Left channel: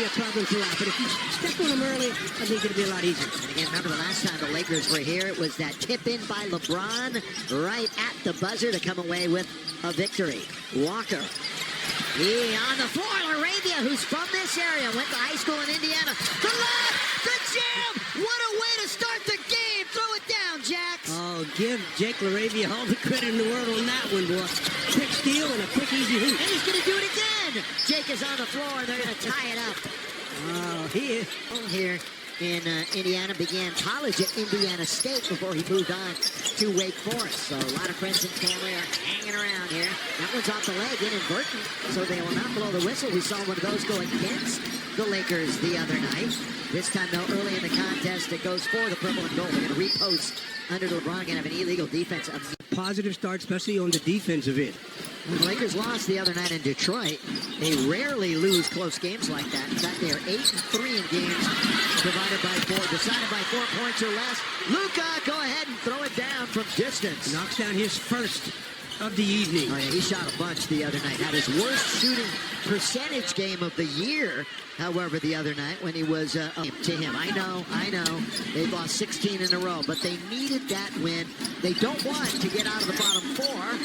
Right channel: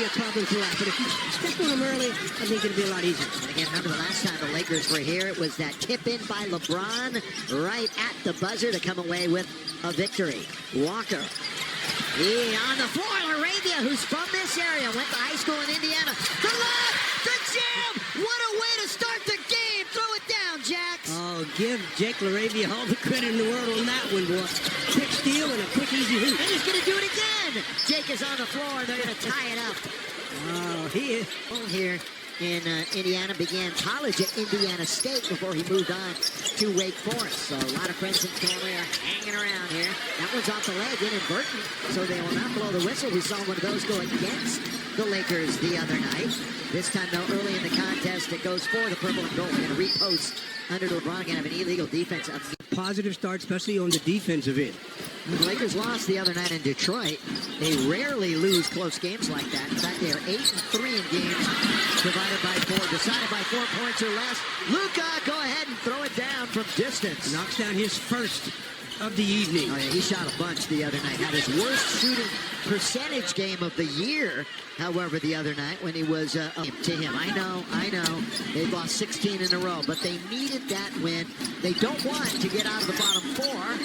be a problem throughout. But if you step on them early, I think it'll be a lot easier. And again, remember the last time the Lakers were here, it was that tip in by LeBron right at the buzzer to come away with a victory. Walker. He on the floor, LaRavia, who's from this area, went to high school in Indiana. The lob, the jam! What a way to start the game! Throw it down, Jax! Oh, give Jake LaRavia all the credit in the world on that one, boy. Quick steal and a quick, easy hoop. And he's going to do it again! Jake is on the floor, and they're going to tie it up. Oh, he is. Here in Indiana, began college at Indiana State before he moved on to Wake Forest. So a lot of friends and family are hanging around here. That one's off the leg, inadvertent, so they will not blow the whistle. We saw one of those go against the Lakers the other night. This time, though, early in the contest, it goes for the purple and gold. They're going to repost under LeBron, going to have an illegal defense. Positive start, especially on the defensive end. The Lakers lost the other night in Detroit. They rarely lose close games like that. In fact, they are 8-3 in games decided by 4 points or less. Luka, go ahead and throw it down from distance. Knocks down his first of the evening. Oh, yeah, he shot a bunch the other night. Had his worst shooting percentage game of the year, however, the other night when he was to him. I know. They've lost 16 in a row, but they needed that win. They don't want to get out of the bottom 4,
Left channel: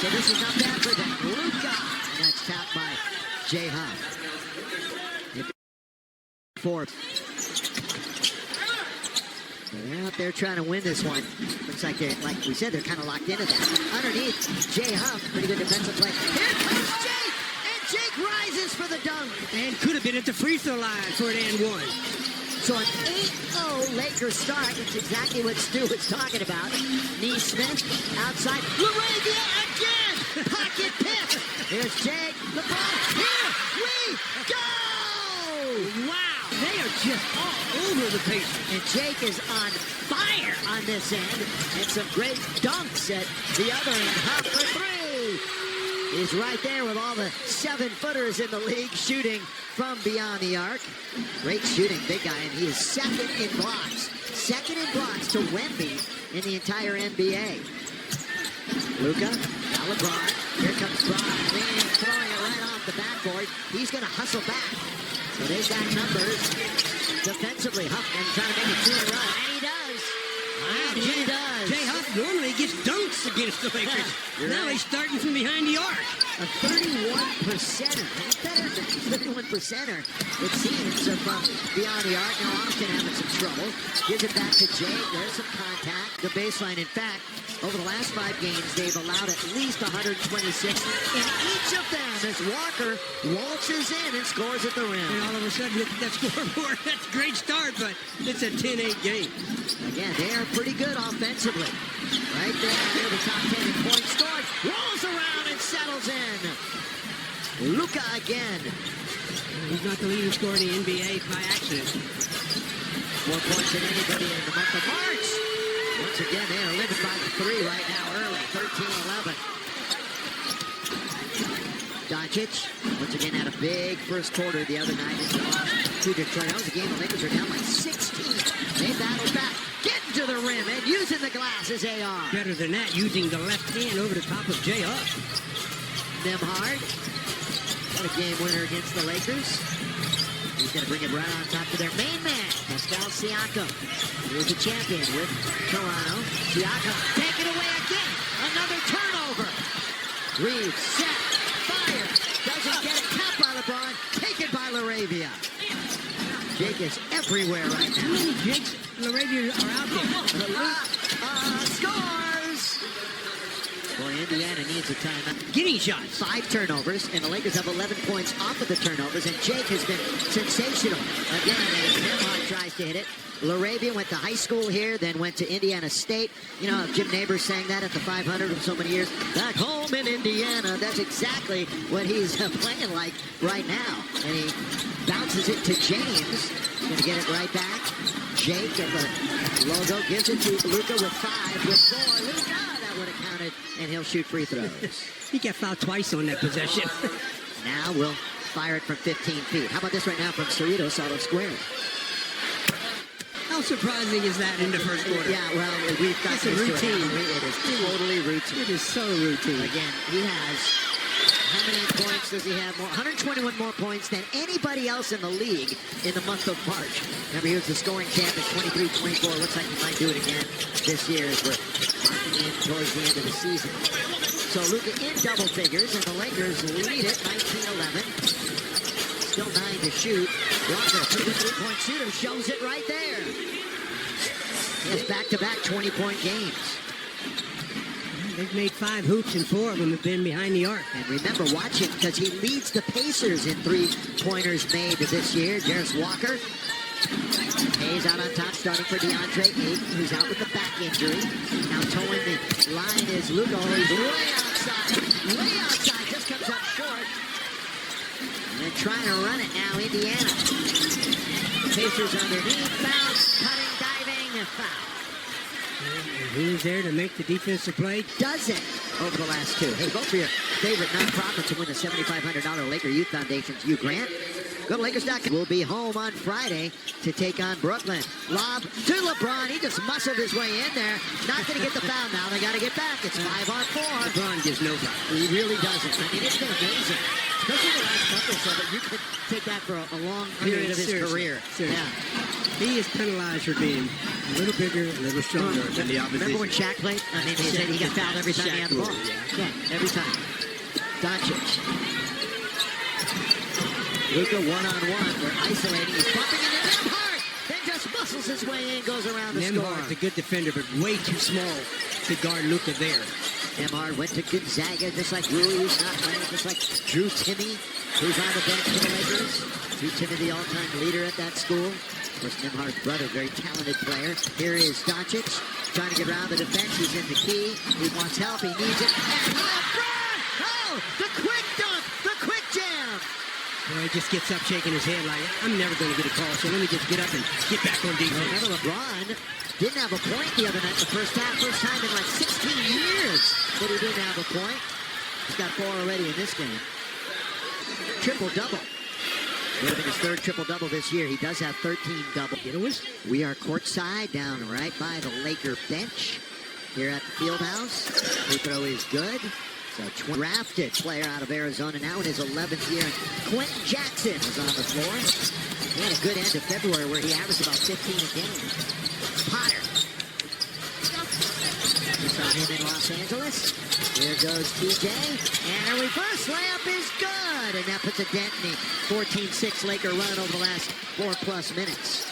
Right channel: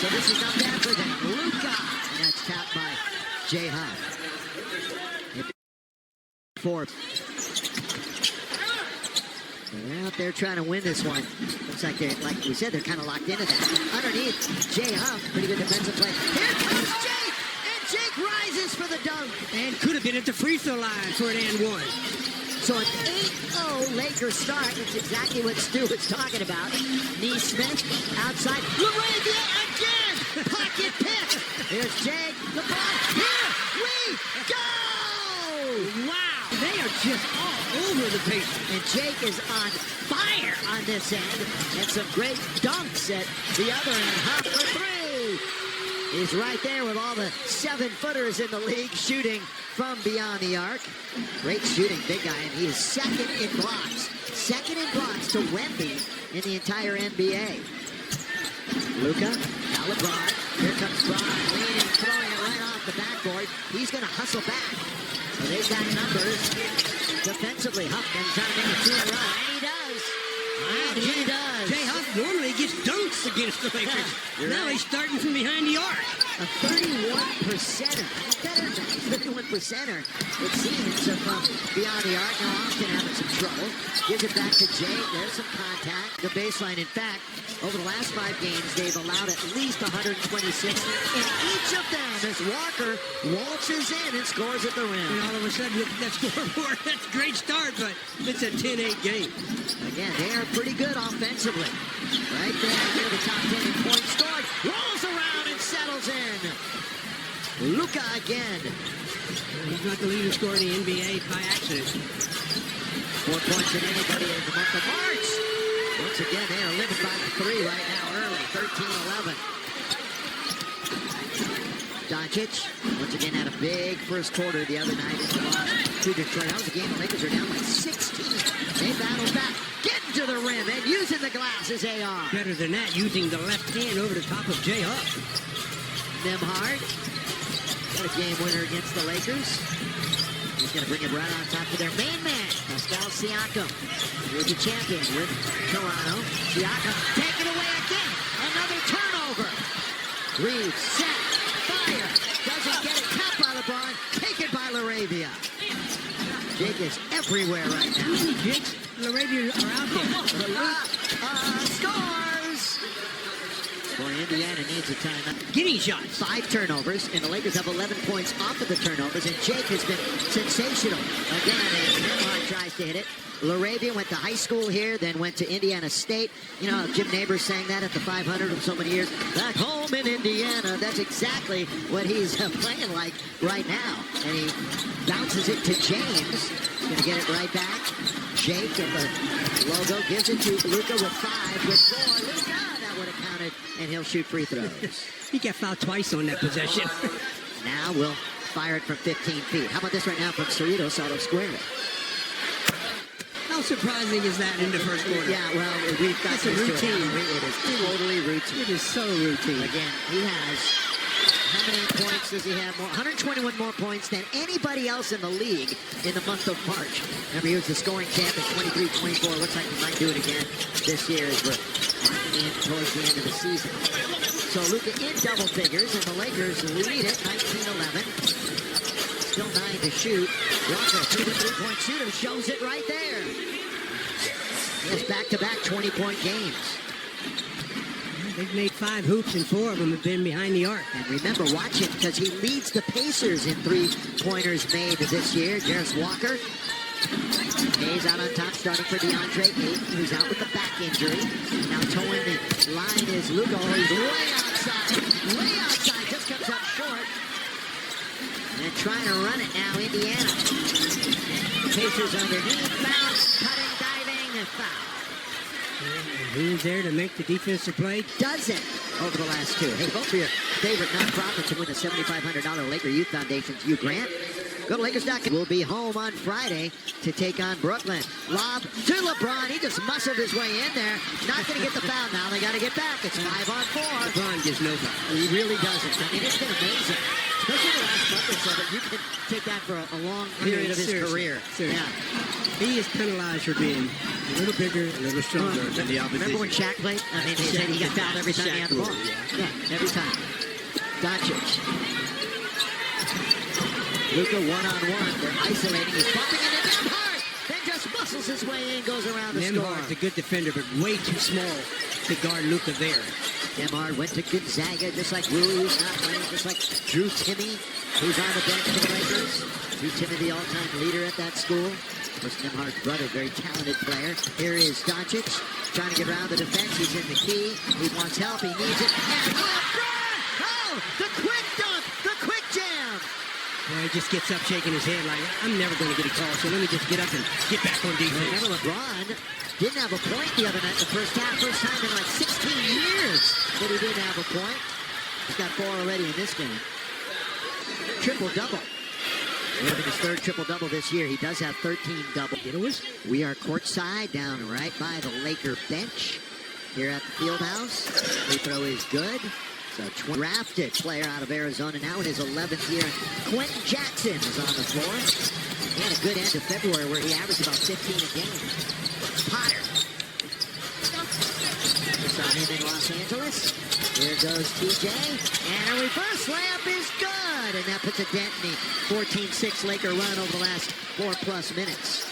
so this is not bad for them. Luka, and that's tapped by Jay Huff. 4. They're out there trying to win this one. Looks like we said, they're kind of locked into that. Underneath, Jay Huff, pretty good defensive play. Here comes Jake, and Jake rises for the dunk. And could have been at the free throw line for an and one. So an 8-0 Lakers start. It's exactly what Stu was talking about. Neesmith outside. LaRavia again. Pocket pick. Here's Jake. LeBron. Here we go. Wow. They are just all over the Pacers. And Jake is on fire on this end. And some great dunks at the other end. Huff for 3. He's right there with all the 7-footers in the league shooting from beyond the arc. Great shooting, big guy, and he is second in blocks. Second in blocks to Wemby in the entire NBA. Luka, now LeBron. Here comes Bron, leaning, throwing it right off the backboard. He's going to hustle back. So they've got numbers defensively. Huff trying to make it 2 in a row, and he does. Wow, he does. Jay Huff normally gets dunks against the Lakers. Now right. He's starting from behind the arc. A 31%er. He's better than that. He's 31%er, it seems, from beyond the arc. Now Austin having some trouble. Gives it back to Jake. There's some contact. The baseline, in fact, over the last 5 games, they've allowed at least 126 in each of them as Walker waltzes in and scores at the rim. And all of a sudden, look at that scoreboard. That's a great start, but it's a 10-8 game. Again, they are pretty good offensively. Right there, near the top 10 in points scored. Rolls around and settles in. Luka again. He's not the leading scorer in the NBA by accident. 4 points than anybody in the month of March. Once again, they are living by the 3 right now, early, 13-11. Doncic, once again, had a big first quarter the other night in the loss to Detroit. That was a game the Lakers are down by 16. They battled back, getting to the rim, and using the glass as AR. Better than that, using the left hand over the top of Jay Huff. Nembhard, got a game winner against the Lakers. He's going to bring it right on top to their main man, Pascal Siakam. He was a champion with Toronto. Siakam, take it away again. Another turnover. Reeves, set, fire. Doesn't get it. Tapped by LeBron. Taken by LaRavia. Jake is everywhere right now. How many Jakes LaRavia are out there? Scores! Boy, Indiana needs a timeout. Getting shots. 5 turnovers, and the Lakers have 11 points off of the turnovers, and Jake has been sensational. Again, as Nembhard tries to hit it. LaRavia went to high school here, then went to Indiana State. You know, Jim Neighbors sang that at the 500 of so many years. Back home in Indiana. That's exactly what he's playing like right now. And he bounces it to James. He's going to get it right back. Jake at the logo gives it to Luka with 5, with 4. Luka, that would have counted, and he'll shoot free throws. He got fouled twice on that possession. Now we'll fire it from 15 feet. How about this right now from Cerritos out of square? How surprising is that in the first quarter? Yeah, well, we've got it's a routine. It is totally routine. It is so routine. Again, he has How many points does he have more? 121 more points than anybody else in the league in the month of March. Remember, he was the scoring champ at 23-24. Looks like he might do it again this year as we're marking in towards the end of the season. So Luka in double figures, and the Lakers lead it 19-11. Still 9 to shoot. Walker, a pretty good three-point shooter, shows it right there. He has back-to-back 20-point games. They've made 5 hoops, and 4 of them have been behind the arc. And remember, watch him, because he leads the Pacers in three-pointers made this year. Jarris Walker. Hayes out on top, starting for DeAndre Ayton, who's out with the back injury. Now towing the line is Luka. Oh, he's way outside. Way outside. Just comes up short. And trying to run it now, Indiana. Pacers underneath. Bounce, cutting, diving, and foul. And who's there to make the defensive play? Doesn't over the last 2. Hey, vote for your favorite nonprofit to win the $7,500 Laker Youth Foundation's Hugh Grant. Go to Lakers.com. We'll be home on Friday to take on Brooklyn. Lob to LeBron. He just muscled his way in there. Not going to get the foul now. They got to get back. It's 5-on-4. LeBron gives no foul. He really doesn't. I mean, it's been amazing. Especially the last month or so, that you can take that for a long period of his career. Seriously. Yeah. He is penalized for being a little bigger, a little stronger than the opposition. Remember when Shaq played? I mean, he said he got fouled every time he had the ball. Yeah, every time. Doncic. Luka one-on-one. They're isolating. He's bumping into Nembhard. Then just muscles his way in, goes around the score. Nembhard's a good defender, but way too small to guard Luka there. Nembhard went to Gonzaga, just like Rui, who's not playing, just like Drew Timme, who's on the bench for the Lakers. Drew Timme, the all-time leader at that school. Of course, Nembhard's brother, very talented player. Here is Doncic, trying to get around the defense. He's in the key. He wants help. He needs it. And LeBron! Oh, the quick dunk, the quick jam. Boy, he just gets up shaking his head like, I'm never going to get a call, so let me just get up and get back on defense. Remember, LeBron didn't have a point the other night in the first half. First time in like 16 years that he didn't have a point. He's got 4 already in this game. Triple-double. Would have been his 3rd triple-double this year. He does have 13 doubles. We are courtside down right by the Laker bench here at the Fieldhouse. Free throw is good. So drafted player out of Arizona now in his 11th year. Quentin Jackson is on the floor. He had a good end of February where he averaged about 15 a game. Potter. We saw him in Los Angeles. Here goes TJ. And a reverse layup is good. And that puts a dent in the 14-6 Laker run over the last 4+ minutes.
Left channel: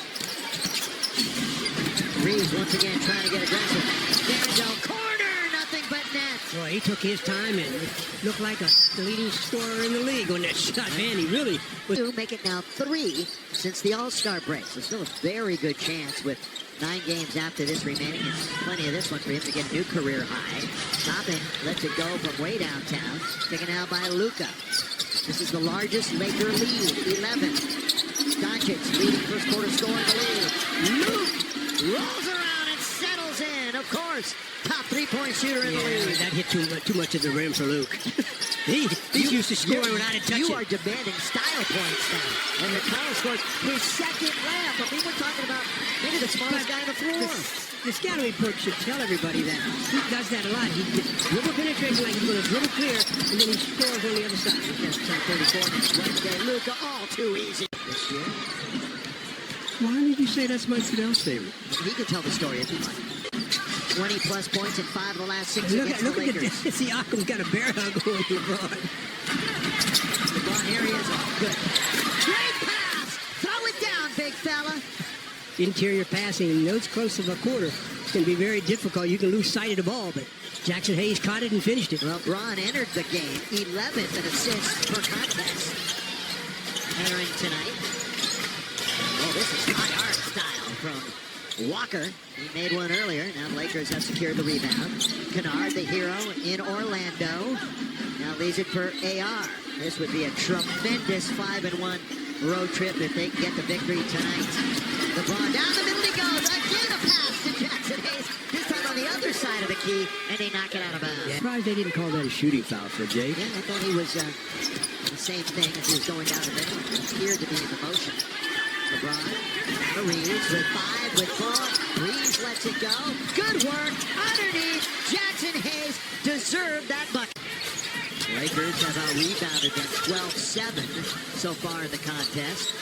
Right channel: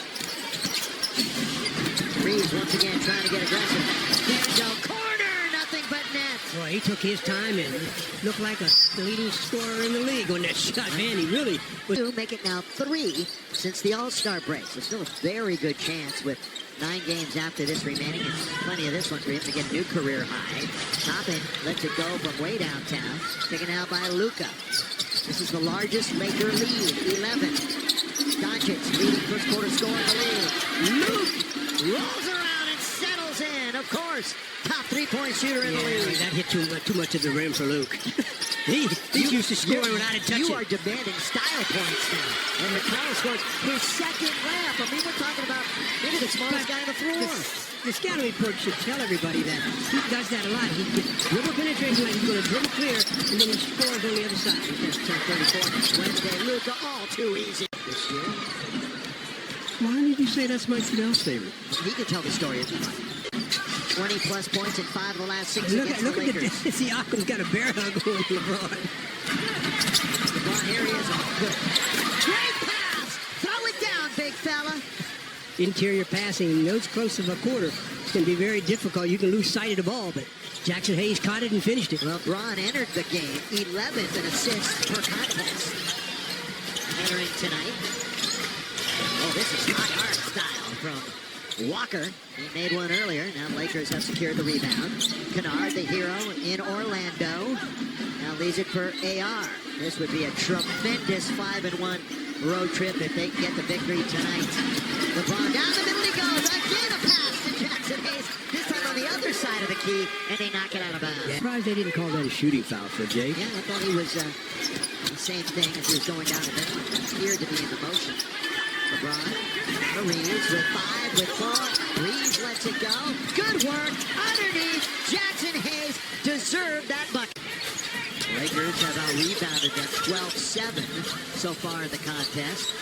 Reeves once again trying to get aggressive. D'Angelo, corner, nothing but net. Boy, he took his time and looked like a leading scorer in the league on that shot. Man, he really was. Make it now 3 since the All-Star break. So still a very good chance with 9 games after this remaining, and plenty of this one for him to get a new career high. Toppin lets it go from way downtown. Taken out by Luka. This is the largest Laker lead, 11. Doncic leading first quarter scorer in the league. Luke rolls around and settles in. Of course, top 3-point shooter in the league. That hit too much of the rim for Luke. He's used to scoring without a touch. You are demanding style points now. And McConnell scores his 2nd layup. I mean, we're talking about maybe the smartest guy on the floor. The scouting report should tell everybody that he does that a lot. He gets dribble penetration like he's going to dribble clear, and then he scores on the other side. He's going to turn 34 next Wednesday. Luka, all too easy this year. Why did you say that's Mike Fidel's favorite? He can tell the story if you like. 20+ points in 5 of the last 6 look against at, the Lakers. Siakam's got a bear hug on LeBron. LeBron, here he is. Oh, good pass. Great pass. Throw it down, big fella. Interior passing, those close of a quarter can be very difficult. You can lose sight of the ball, but Jackson Hayes caught it and finished it. LeBron entered the game 11th in assists per contest. Entering tonight. Oh, this is high arc style from Walker. He made one earlier. Now the Lakers have secured the rebound. Kennard, the hero in Orlando. Now leaves it for AR. This would be a tremendous 5-1 road trip if they can get the victory tonight. LeBron down the middle he goes. Again a pass to Jackson Hayes. This time on the other side of the key, and they knock it out of bounds. Yeah. Surprised they didn't call that a shooting foul for Jake. Yeah, I thought he was the same thing as he was going down the middle. He appeared to be in the motion. LeBron, out of Reeves with 5, with 4. Reeves lets it go. Good work underneath. Jackson Hayes deserved that bucket. Lakers have out-rebounded them 12-7 so far in the contest.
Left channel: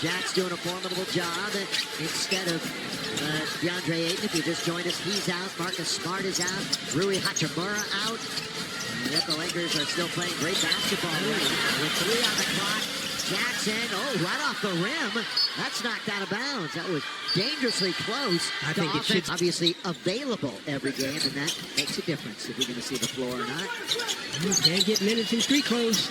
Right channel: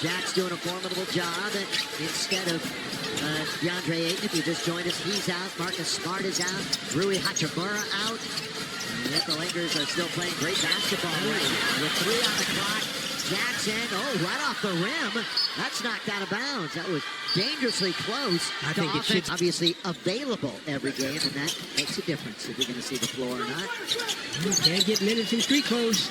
Jack's doing a formidable job. Instead of DeAndre Ayton, if you just joined us, he's out. Marcus Smart is out. Rui Hachimura out. And yet the Lakers are still playing great basketball right now. With 3 on the clock, Jackson, right off the rim. That's knocked out of bounds. That was dangerously close. I think it should. Obviously available every game, and that makes a difference if you're going to see the floor or not. Can't get minutes in street clothes.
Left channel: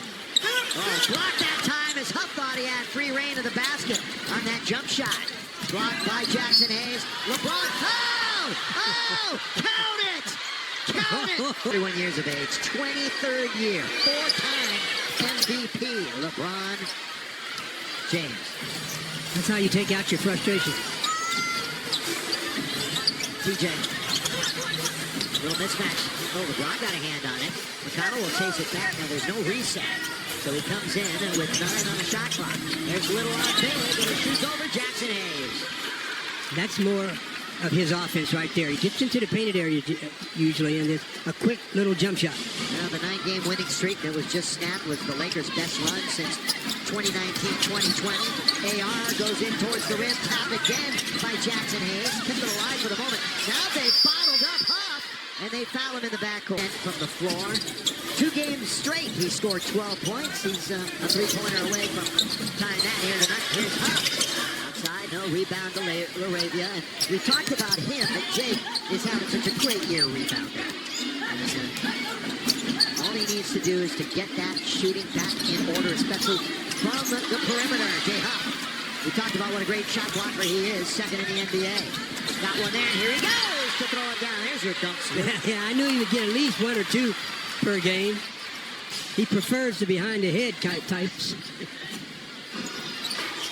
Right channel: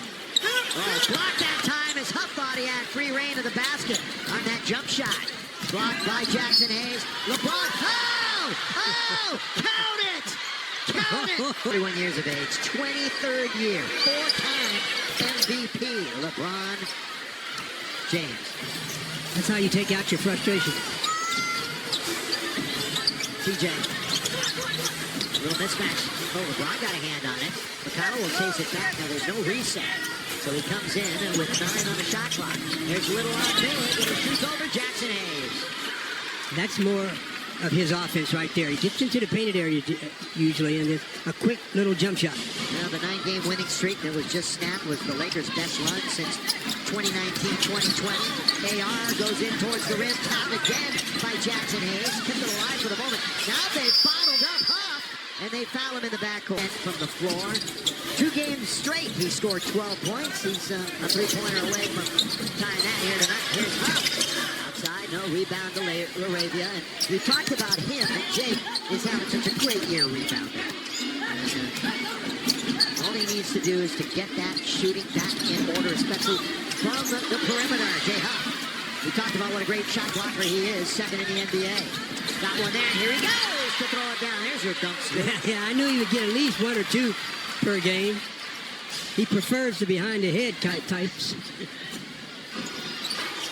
Oh, blocked that time as Huff thought he had free reign of the basket on that jump shot. Blocked by Jackson Hayes. LeBron, count it! Count it! 31 years of age, 23rd year, 4-time MVP, LeBron James. That's how you take out your frustration. TJ. Little mismatch. Oh, LeBron got a hand on it. McConnell will chase it back. Now there's no reset. So he comes in with 9 on the shot clock. There's Little on big, and he shoots over Jackson Hayes. That's more of his offense right there. He gets into the painted area usually, and there's a quick little jump shot. Now the 9-game winning streak that was just snapped was the Lakers' best run since 2019-2020. AR goes in towards the rim, tapped again by Jackson Hayes. Kept it alive for the moment. Now they've bottled up Huff, and they foul him in the backcourt. From the floor, 2 games straight, he scored 12 points. He's a 3-pointer away from tying that here tonight. Here's Huff. Outside, no rebound to LaRavia. And we talked about him, that Jake is having such a great year rebounding. And, all he needs to do is to get that shooting back in order, especially from the perimeter. Jay Huff. We talked about what a great shot blocker he is, second in the NBA. Got one there, and here he goes to throw it down. There's your dunk scoop. Yeah, I knew he would get at least 1 or 2 per game. He prefers the behind-the-head types.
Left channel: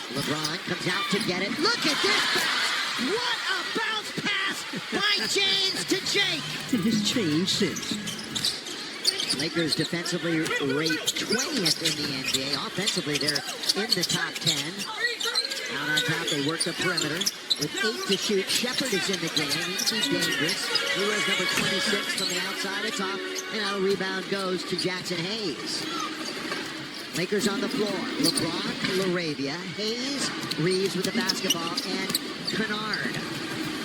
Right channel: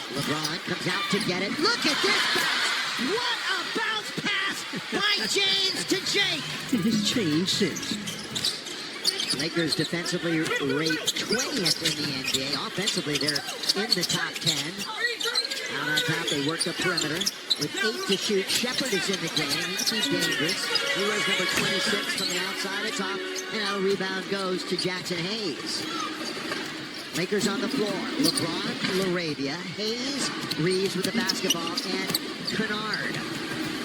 LeBron comes out to get it. Look at this bounce. What a bounce pass by James to Jake. It has changed since. Lakers defensively rate 20th in the NBA. Offensively, they're in the top 10. Out on top, they work the perimeter. With 8 to shoot, Shepard is in the game. He can be dangerous. He wears number 26 from the outside. It's off, and now the rebound goes to Jackson Hayes. Lakers on the floor. LeBron, LaRavia, Hayes, Reeves with the basketball, and Kennard.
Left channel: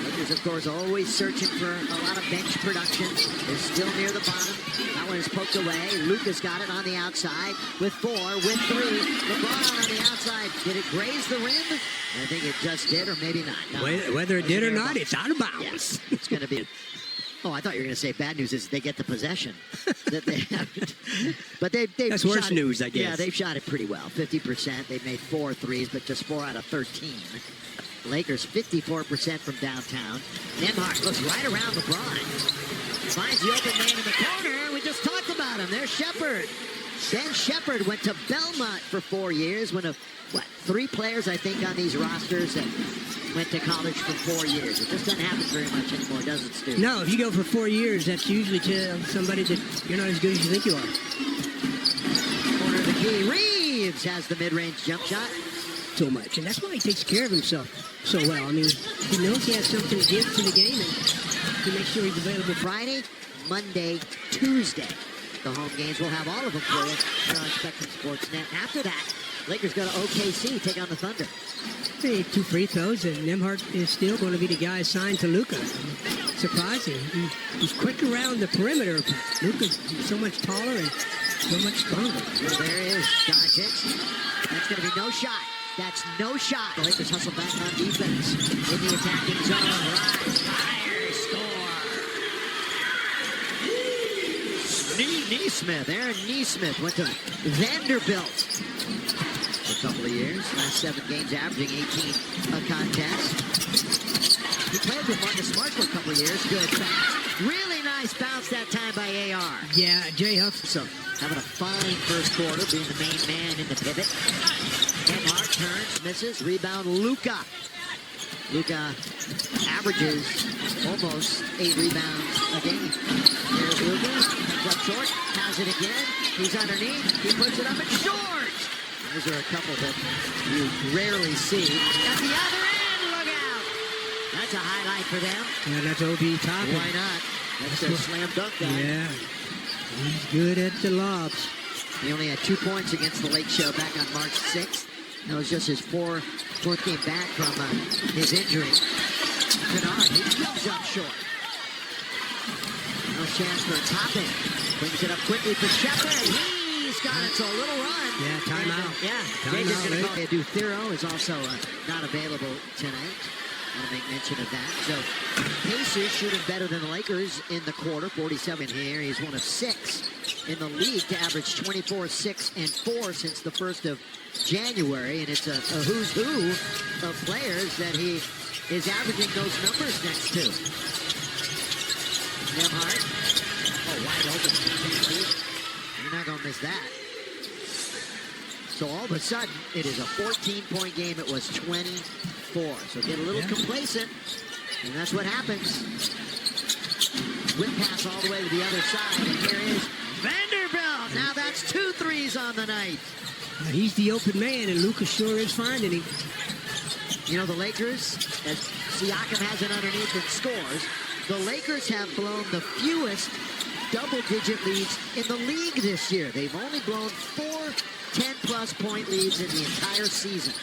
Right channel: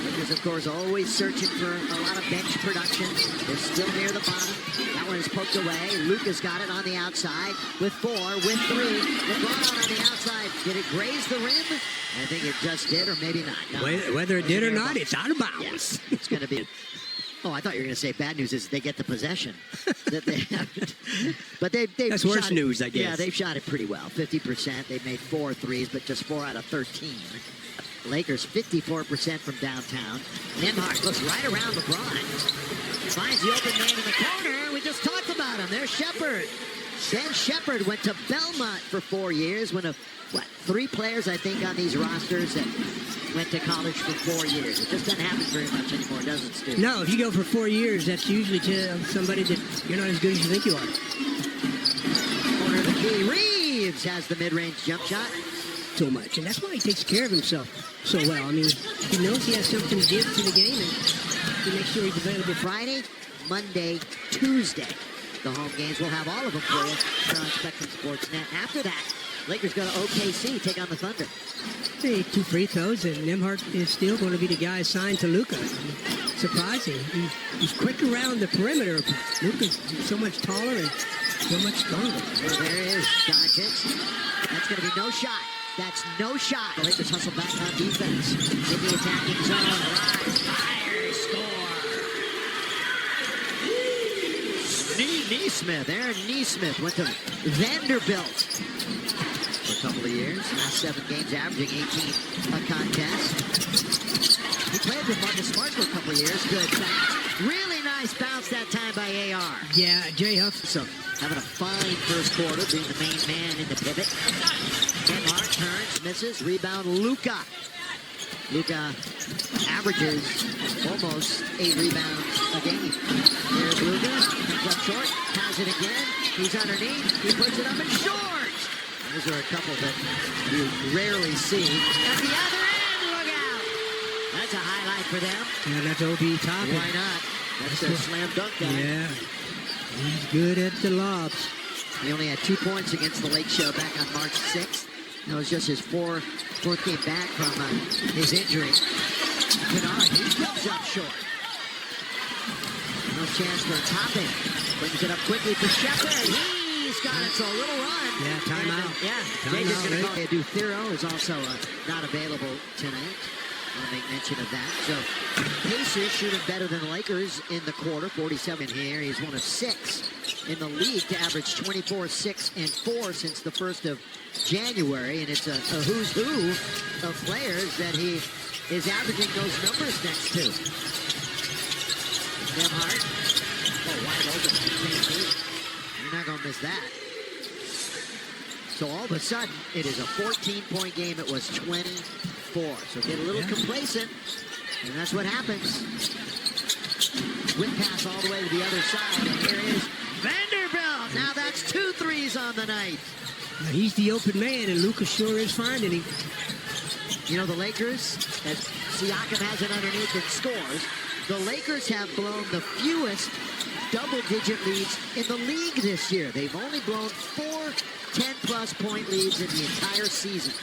Lakers, of course, always searching for a lot of bench production. They're still near the bottom. That one is poked away. Luka's got it on the outside with 4, with 3. LeBron on the outside. Did it graze the rim? I think it just did, or maybe not. No. Whether it did or not, it's out of bounds. Yes, it's going to be... Oh, I thought you were going to say bad news is they get the possession. That they haven't. But they've That's worse news, I guess. Yeah, they've shot it pretty well. 50%. They've made 4 threes, but just 4 out of 13. Lakers 54% from downtown. Nembhard looks right around LeBron. Finds the open man in the corner. We just talked about him. There's Shepard. Ben Shepard went to Belmont for 4 years. One of, 3 players, I think, on these rosters that went to college for 4 years. It just doesn't happen very much anymore, does it, Stu? No, if you go for 4 years, that's usually to somebody that you're not as good as you think you are. Corner of the key. Reeves has the mid-range jump shot. So much, and that's why he takes care of himself so well. I mean, he knows he has something to give to the game, and he makes sure he's available. Friday, Monday, Tuesday. The home games, we'll have all of them for you here on Spectrum Sportsnet. After that, Lakers go to OKC, take on the Thunder. Hey, 2 free throws, and Nembhard is still going to be the guy assigned to Luka. Surprising. He's quick around the perimeter. Luka's so much taller and so much stronger. Well, there is Doncic. That's going to be no shot. That's no shot. The Lakers hustle back on defense. In the attacking zone. Rise, fire, score. Neesmith, Aaron Neesmith went to Vanderbilt for a couple of years. Last 7 games, averaging 18 a contest. He played with Marcus Smart for a couple of years. Good bounce. Really nice bounce that time by AR. Yeah, Jay Huff. So having a fine first quarter, being the main man in the pivot. Nembhard turns, misses, rebound, Luka. Luka averages almost 8 rebounds a game. There's Luka, comes up short, has it again. He's underneath, he puts it up and short. Those are a couple that you rarely see. At the other end, look out. That's a highlight for them. Yeah, that's OB Toppin. Why not? That's their slam dunk guy. Yeah. He's good at the lobs. He only had 2 points against the Lake Show back on March 6th. That was just his fourth game back from his injury. Kennard, he comes up short. No chance for Toppin. Brings it up quickly for Shepard. He's got it, so a little run. Yeah, timeout. Jacob's going to go. Duthero is also not available tonight. I want to make mention of that. So Pacers shooting better than the Lakers in the quarter. 47 here. He's one of 6 in the league to average 24, 6, and 4 since the 1st of January. And it's a who's who of players that he is averaging those numbers next to. Nembhard. Oh, wide open from 10 feet. You're not going to miss that. So all of a sudden, it is a 14-point game. It was 24. So get a little complacent, and that's what happens. Whip pass all the way to the other side, and here is Vanderbilt. Now that's 2 threes on the night. He's the open man, and Luka sure is finding him. You know, the Lakers, as Siakam has it underneath and scores, the Lakers have blown the fewest double-digit leads in the league this year. They've only blown 4 10-plus point leads in the entire season.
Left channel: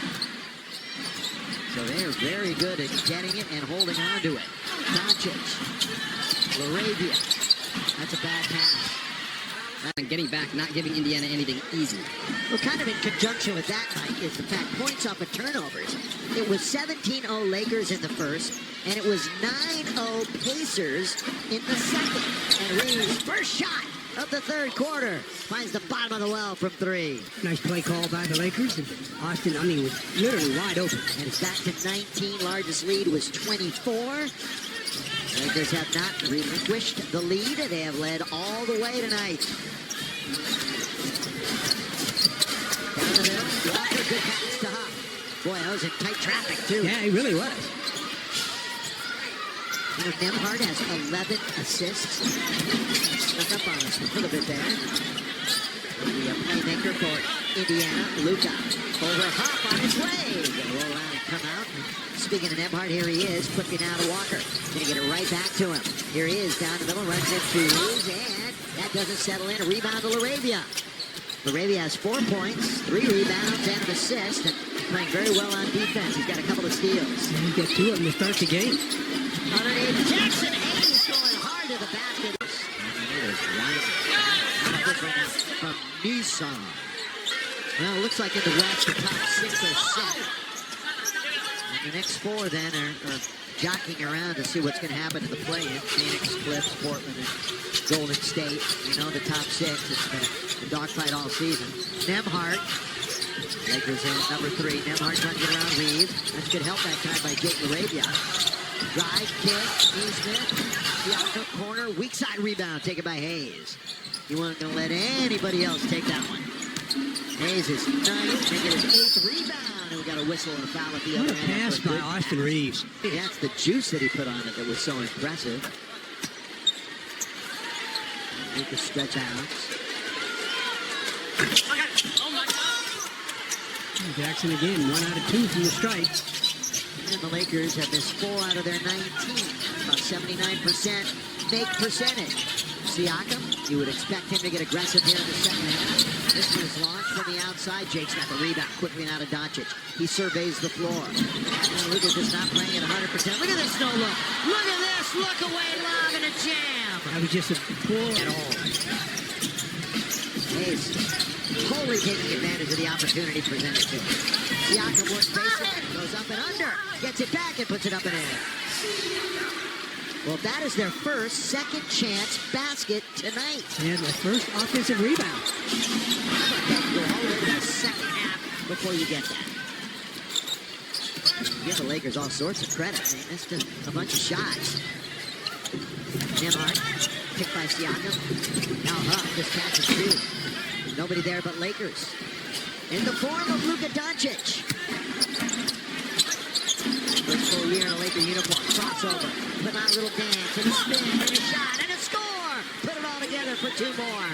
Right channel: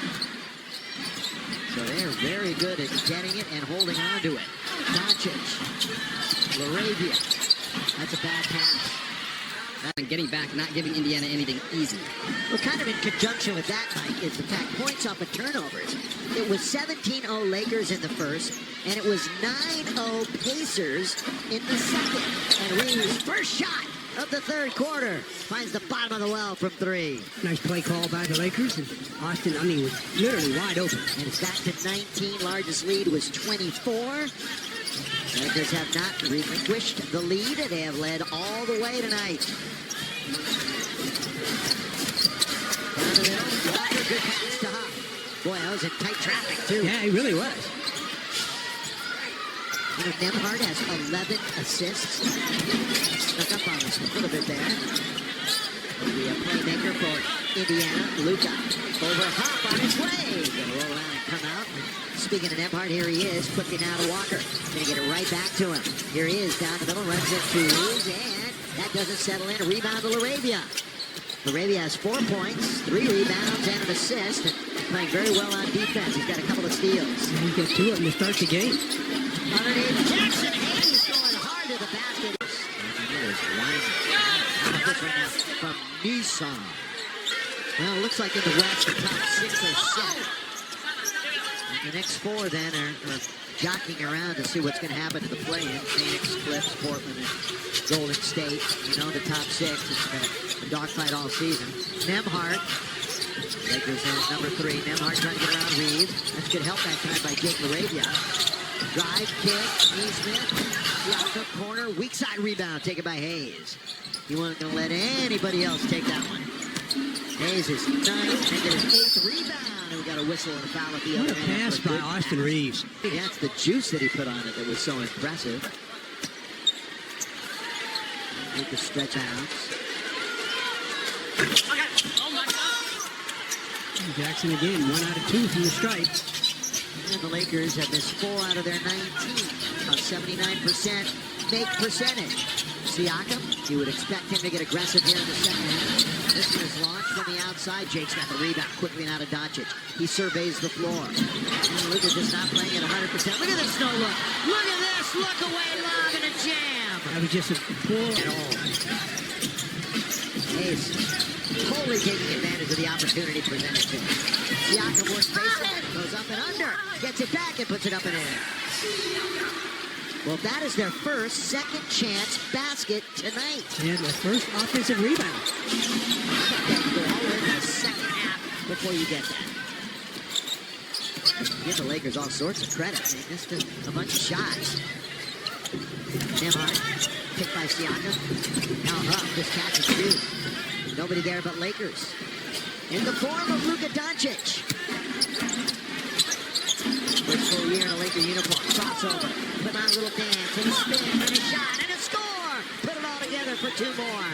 So they're very good at getting it and holding on to it. Doncic, LaRavia. That's a bad pass. And getting back, not giving Indiana anything easy. Well, kind of in conjunction with that, Mike, is the fact points off of turnovers. It was 17-0 Lakers in the first, and it was 9-0 Pacers in the second. And Reeves' first shot of the third quarter finds the bottom of the well from 3. Nice play call by the Lakers, and Austin, was literally wide open. And it's back to 19. Largest lead was 24. Lakers have not relinquished the lead. They have led all the way tonight. Down the middle, Walker, good pass to Huff. Boy, that was in tight traffic, too. Yeah, he really was. You know, Nembhard has 11 assists. Snuck up on us a little bit there. The playmaker for Indiana, Luka. Over Huff on his way. Gonna roll around and come out. Speaking of Nembhard, here he is. Quickly now to Walker. Gonna get it right back to him. Here he is, down the middle, runs into Reeves, and that doesn't settle in. A rebound to LaRavia. LaRavia has 4 points, 3 rebounds, and an assist, and playing very well on defense. He's got a couple of steals. Yeah, he got 2 of them to start the game. Underneath, Jackson Hayes going hard to the basket. And it is winding. How about this right now from Nissan? Well, it looks like in the West, the top 6 are set. And the next 4 then are jockeying around to see what's going to happen in the play-in. Phoenix, Clips, Portland, and Golden State. You know, the top 6. It's been a dogfight all season. Nembhard. Lakers in number 3. Nembhard trying to get around Reeves. That's good help that time by Jake LaRavia. Drive, kick, Neesmith. Siakam, corner, weak side rebound taken by Hayes. He wasn't going to let anybody else take that one. Hayes is 9th, make it his 8th rebound, and we got a whistle and a foul at the What other a end. pass by Austin Reeves. Yeah, it's the juice that he put on it that was so impressive. Lucas stretch out. Jackson again, 1 out of 2 from the stripe. And the Lakers have missed 4 out of their 19. About 79% make percentage. Siakam, you would expect him to get aggressive here in the second half. This one is launched from the outside. Jake's got the rebound quickly now to Doncic. He surveys the floor. And Luka just not playing at 100%. Look at this no look. Look at this. Look away lob and a jam. That was just a poor At all. Hayes totally taking advantage of the opportunity presented to him. Siakam works baseline, goes up and under, gets it back and puts it up and in. Well, that is their first second chance basket tonight. and the first offensive rebound. How about that? You go all the way to the second half before you get that. Give the Lakers all sorts of credit. They missed a bunch of shots. Nembhard, picked by Siakam. Now Huff just catch and shoot. Nobody there but Lakers. In the form of Luka Doncic. First full year in a Laker uniform. Crossover. Put on a little dance and a spin and a shot and a score. Put it all together for 2 more.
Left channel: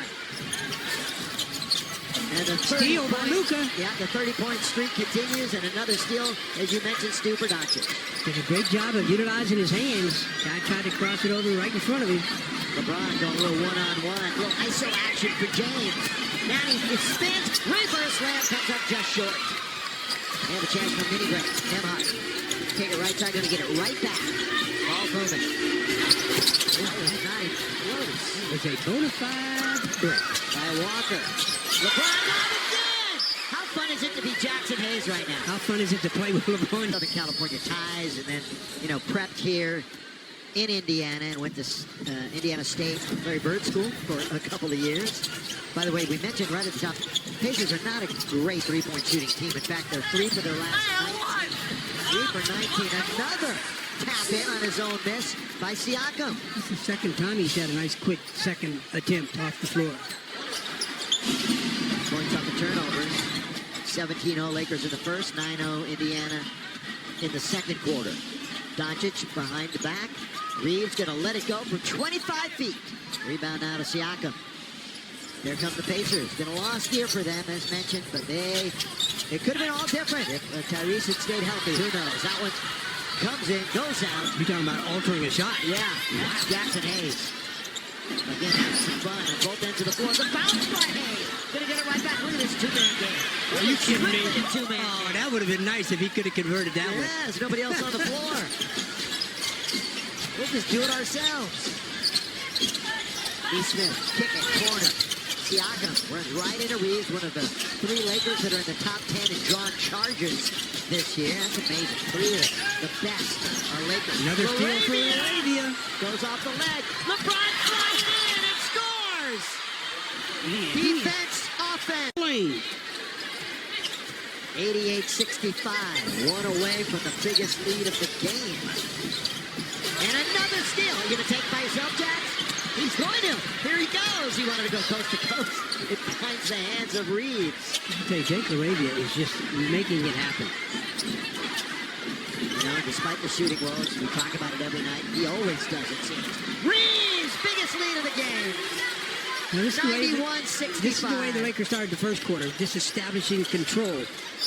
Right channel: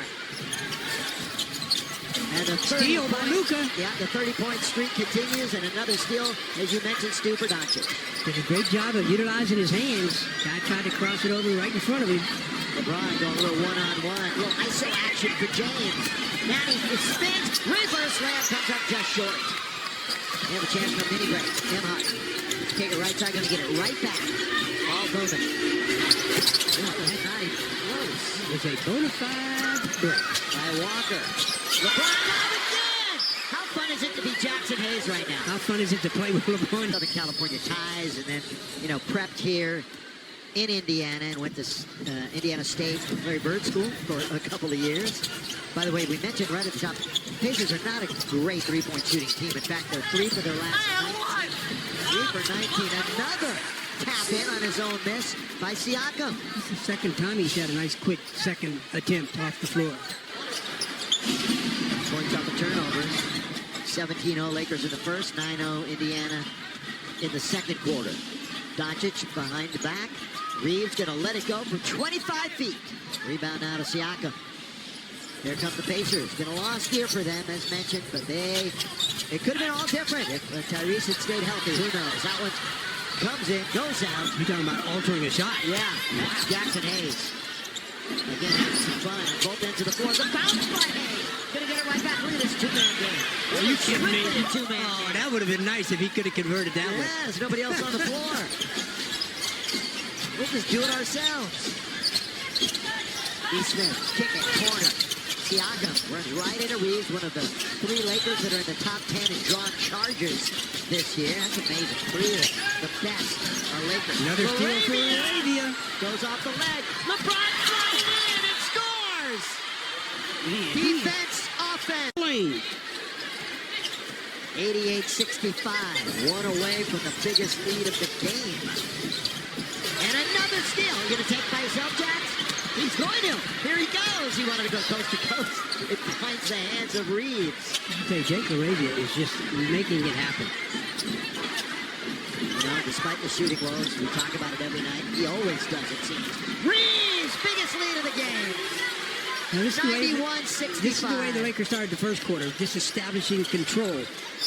And the Steal by Luka. Yeah, the 30-point streak continues, and another steal, as you mentioned, Stu, for Doncic. Did a great job of utilizing his hands. Guy tried to cross it over right in front of him. LeBron going a little one-on-one. A little ISO action for James. Now he spins. Reverse layup comes up just short. They have a chance for a mini break. Nembhard. Take it right side. Going to get it right back. Ball moving. Yeah, not even close. It was a bona fide break. By Walker. LeBron lob again! How fun is it to be Jackson Hayes right now? How fun is it to play with LeBron? Southern California ties, and then, prepped here in Indiana and went to Indiana State, Larry Bird School for a couple of years. By the way, we mentioned right at the top, Pacers are not a great three-point shooting team. In fact, they're 3 for their last 19. 3 for 19. Another tap in on his own miss by Siakam. This is the second time he's had a nice quick second attempt off the floor. Points off the turnovers. 17-0 Lakers in the first, 9-0 Indiana in the second quarter. Doncic behind the back. Reeves gonna let it go from 25 feet. Rebound now to Siakam. Here come the Pacers. Been a lost year for them, as mentioned, but it could have been all different if Tyrese had stayed healthy. Who knows? That one comes in, goes out. You're talking about altering a shot. Yeah, that's Jackson Hayes. Again, having some fun on both ends of the floor. The bounce by Hayes. Gonna get it right back. Look at this two-man game. Are you kidding me? Two-man Oh, game. that would have been nice if he could have converted that one. Yes, nobody else on the floor. We'll just do it ourselves. B. Smith, kick it, corner. Siakam runs right into Reeves, one of the 3 Lakers that are in the top 10 in drawn charges this year. That's amazing. 3 of the best are Lakers. Another steal for Arabia. Goes off the leg. LeBron flying in and scores! Man, Defense, offense. 88-65. One away from the biggest lead of the game. And another steal. Are you going to take by yourself, Jax? He's going to. Here he goes. He wanted to go coast to coast. It finds the hands of Reeves. I tell you, Jake Arabia is just making it happen. Despite the shooting woes, we talk about it every night. He always does, it seems. Reeves, biggest lead of the game. Now, this 91-65. This is the way the Lakers started the first quarter, just establishing control.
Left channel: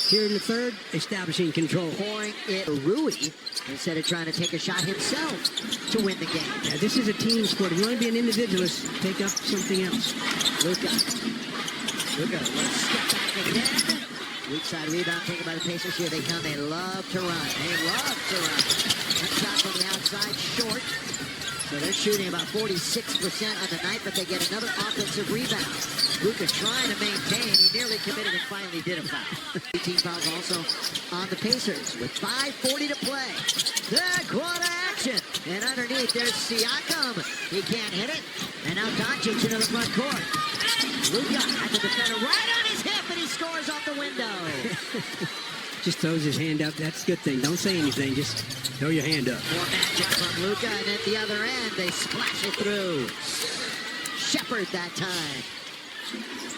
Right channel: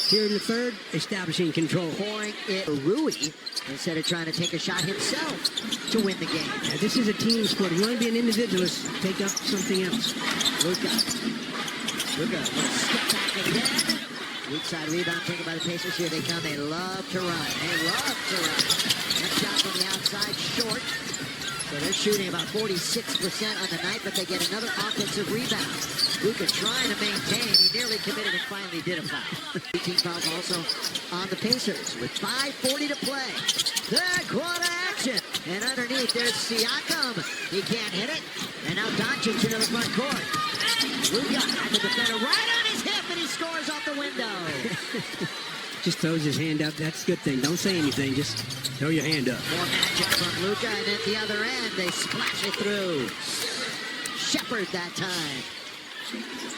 Here in the third, establishing control. Pouring it Rui instead of trying to take a shot himself to win the game. Now, this is a team sport. If you want to be an individualist, take up something else. Luka, a little step back again. Weak side rebound taken by the Pacers. Here they come. They love to run. They love to run. That shot from the outside, short. So they're shooting about 46% on the night, but they get another offensive rebound. Luka trying to maintain. He nearly committed and finally did a foul. 18 fouls also on the Pacers with 5:40 to play. Third quarter action. And underneath there's Siakam. He can't hit it. And now Doncic into the front court. Luka had the defender right on his hip, and he scores off the window. Just throws his hand up. That's a good thing. Don't say anything. Just throw your hand up. More magic from Luka, and at the other end, they splash it through. Shepard that time.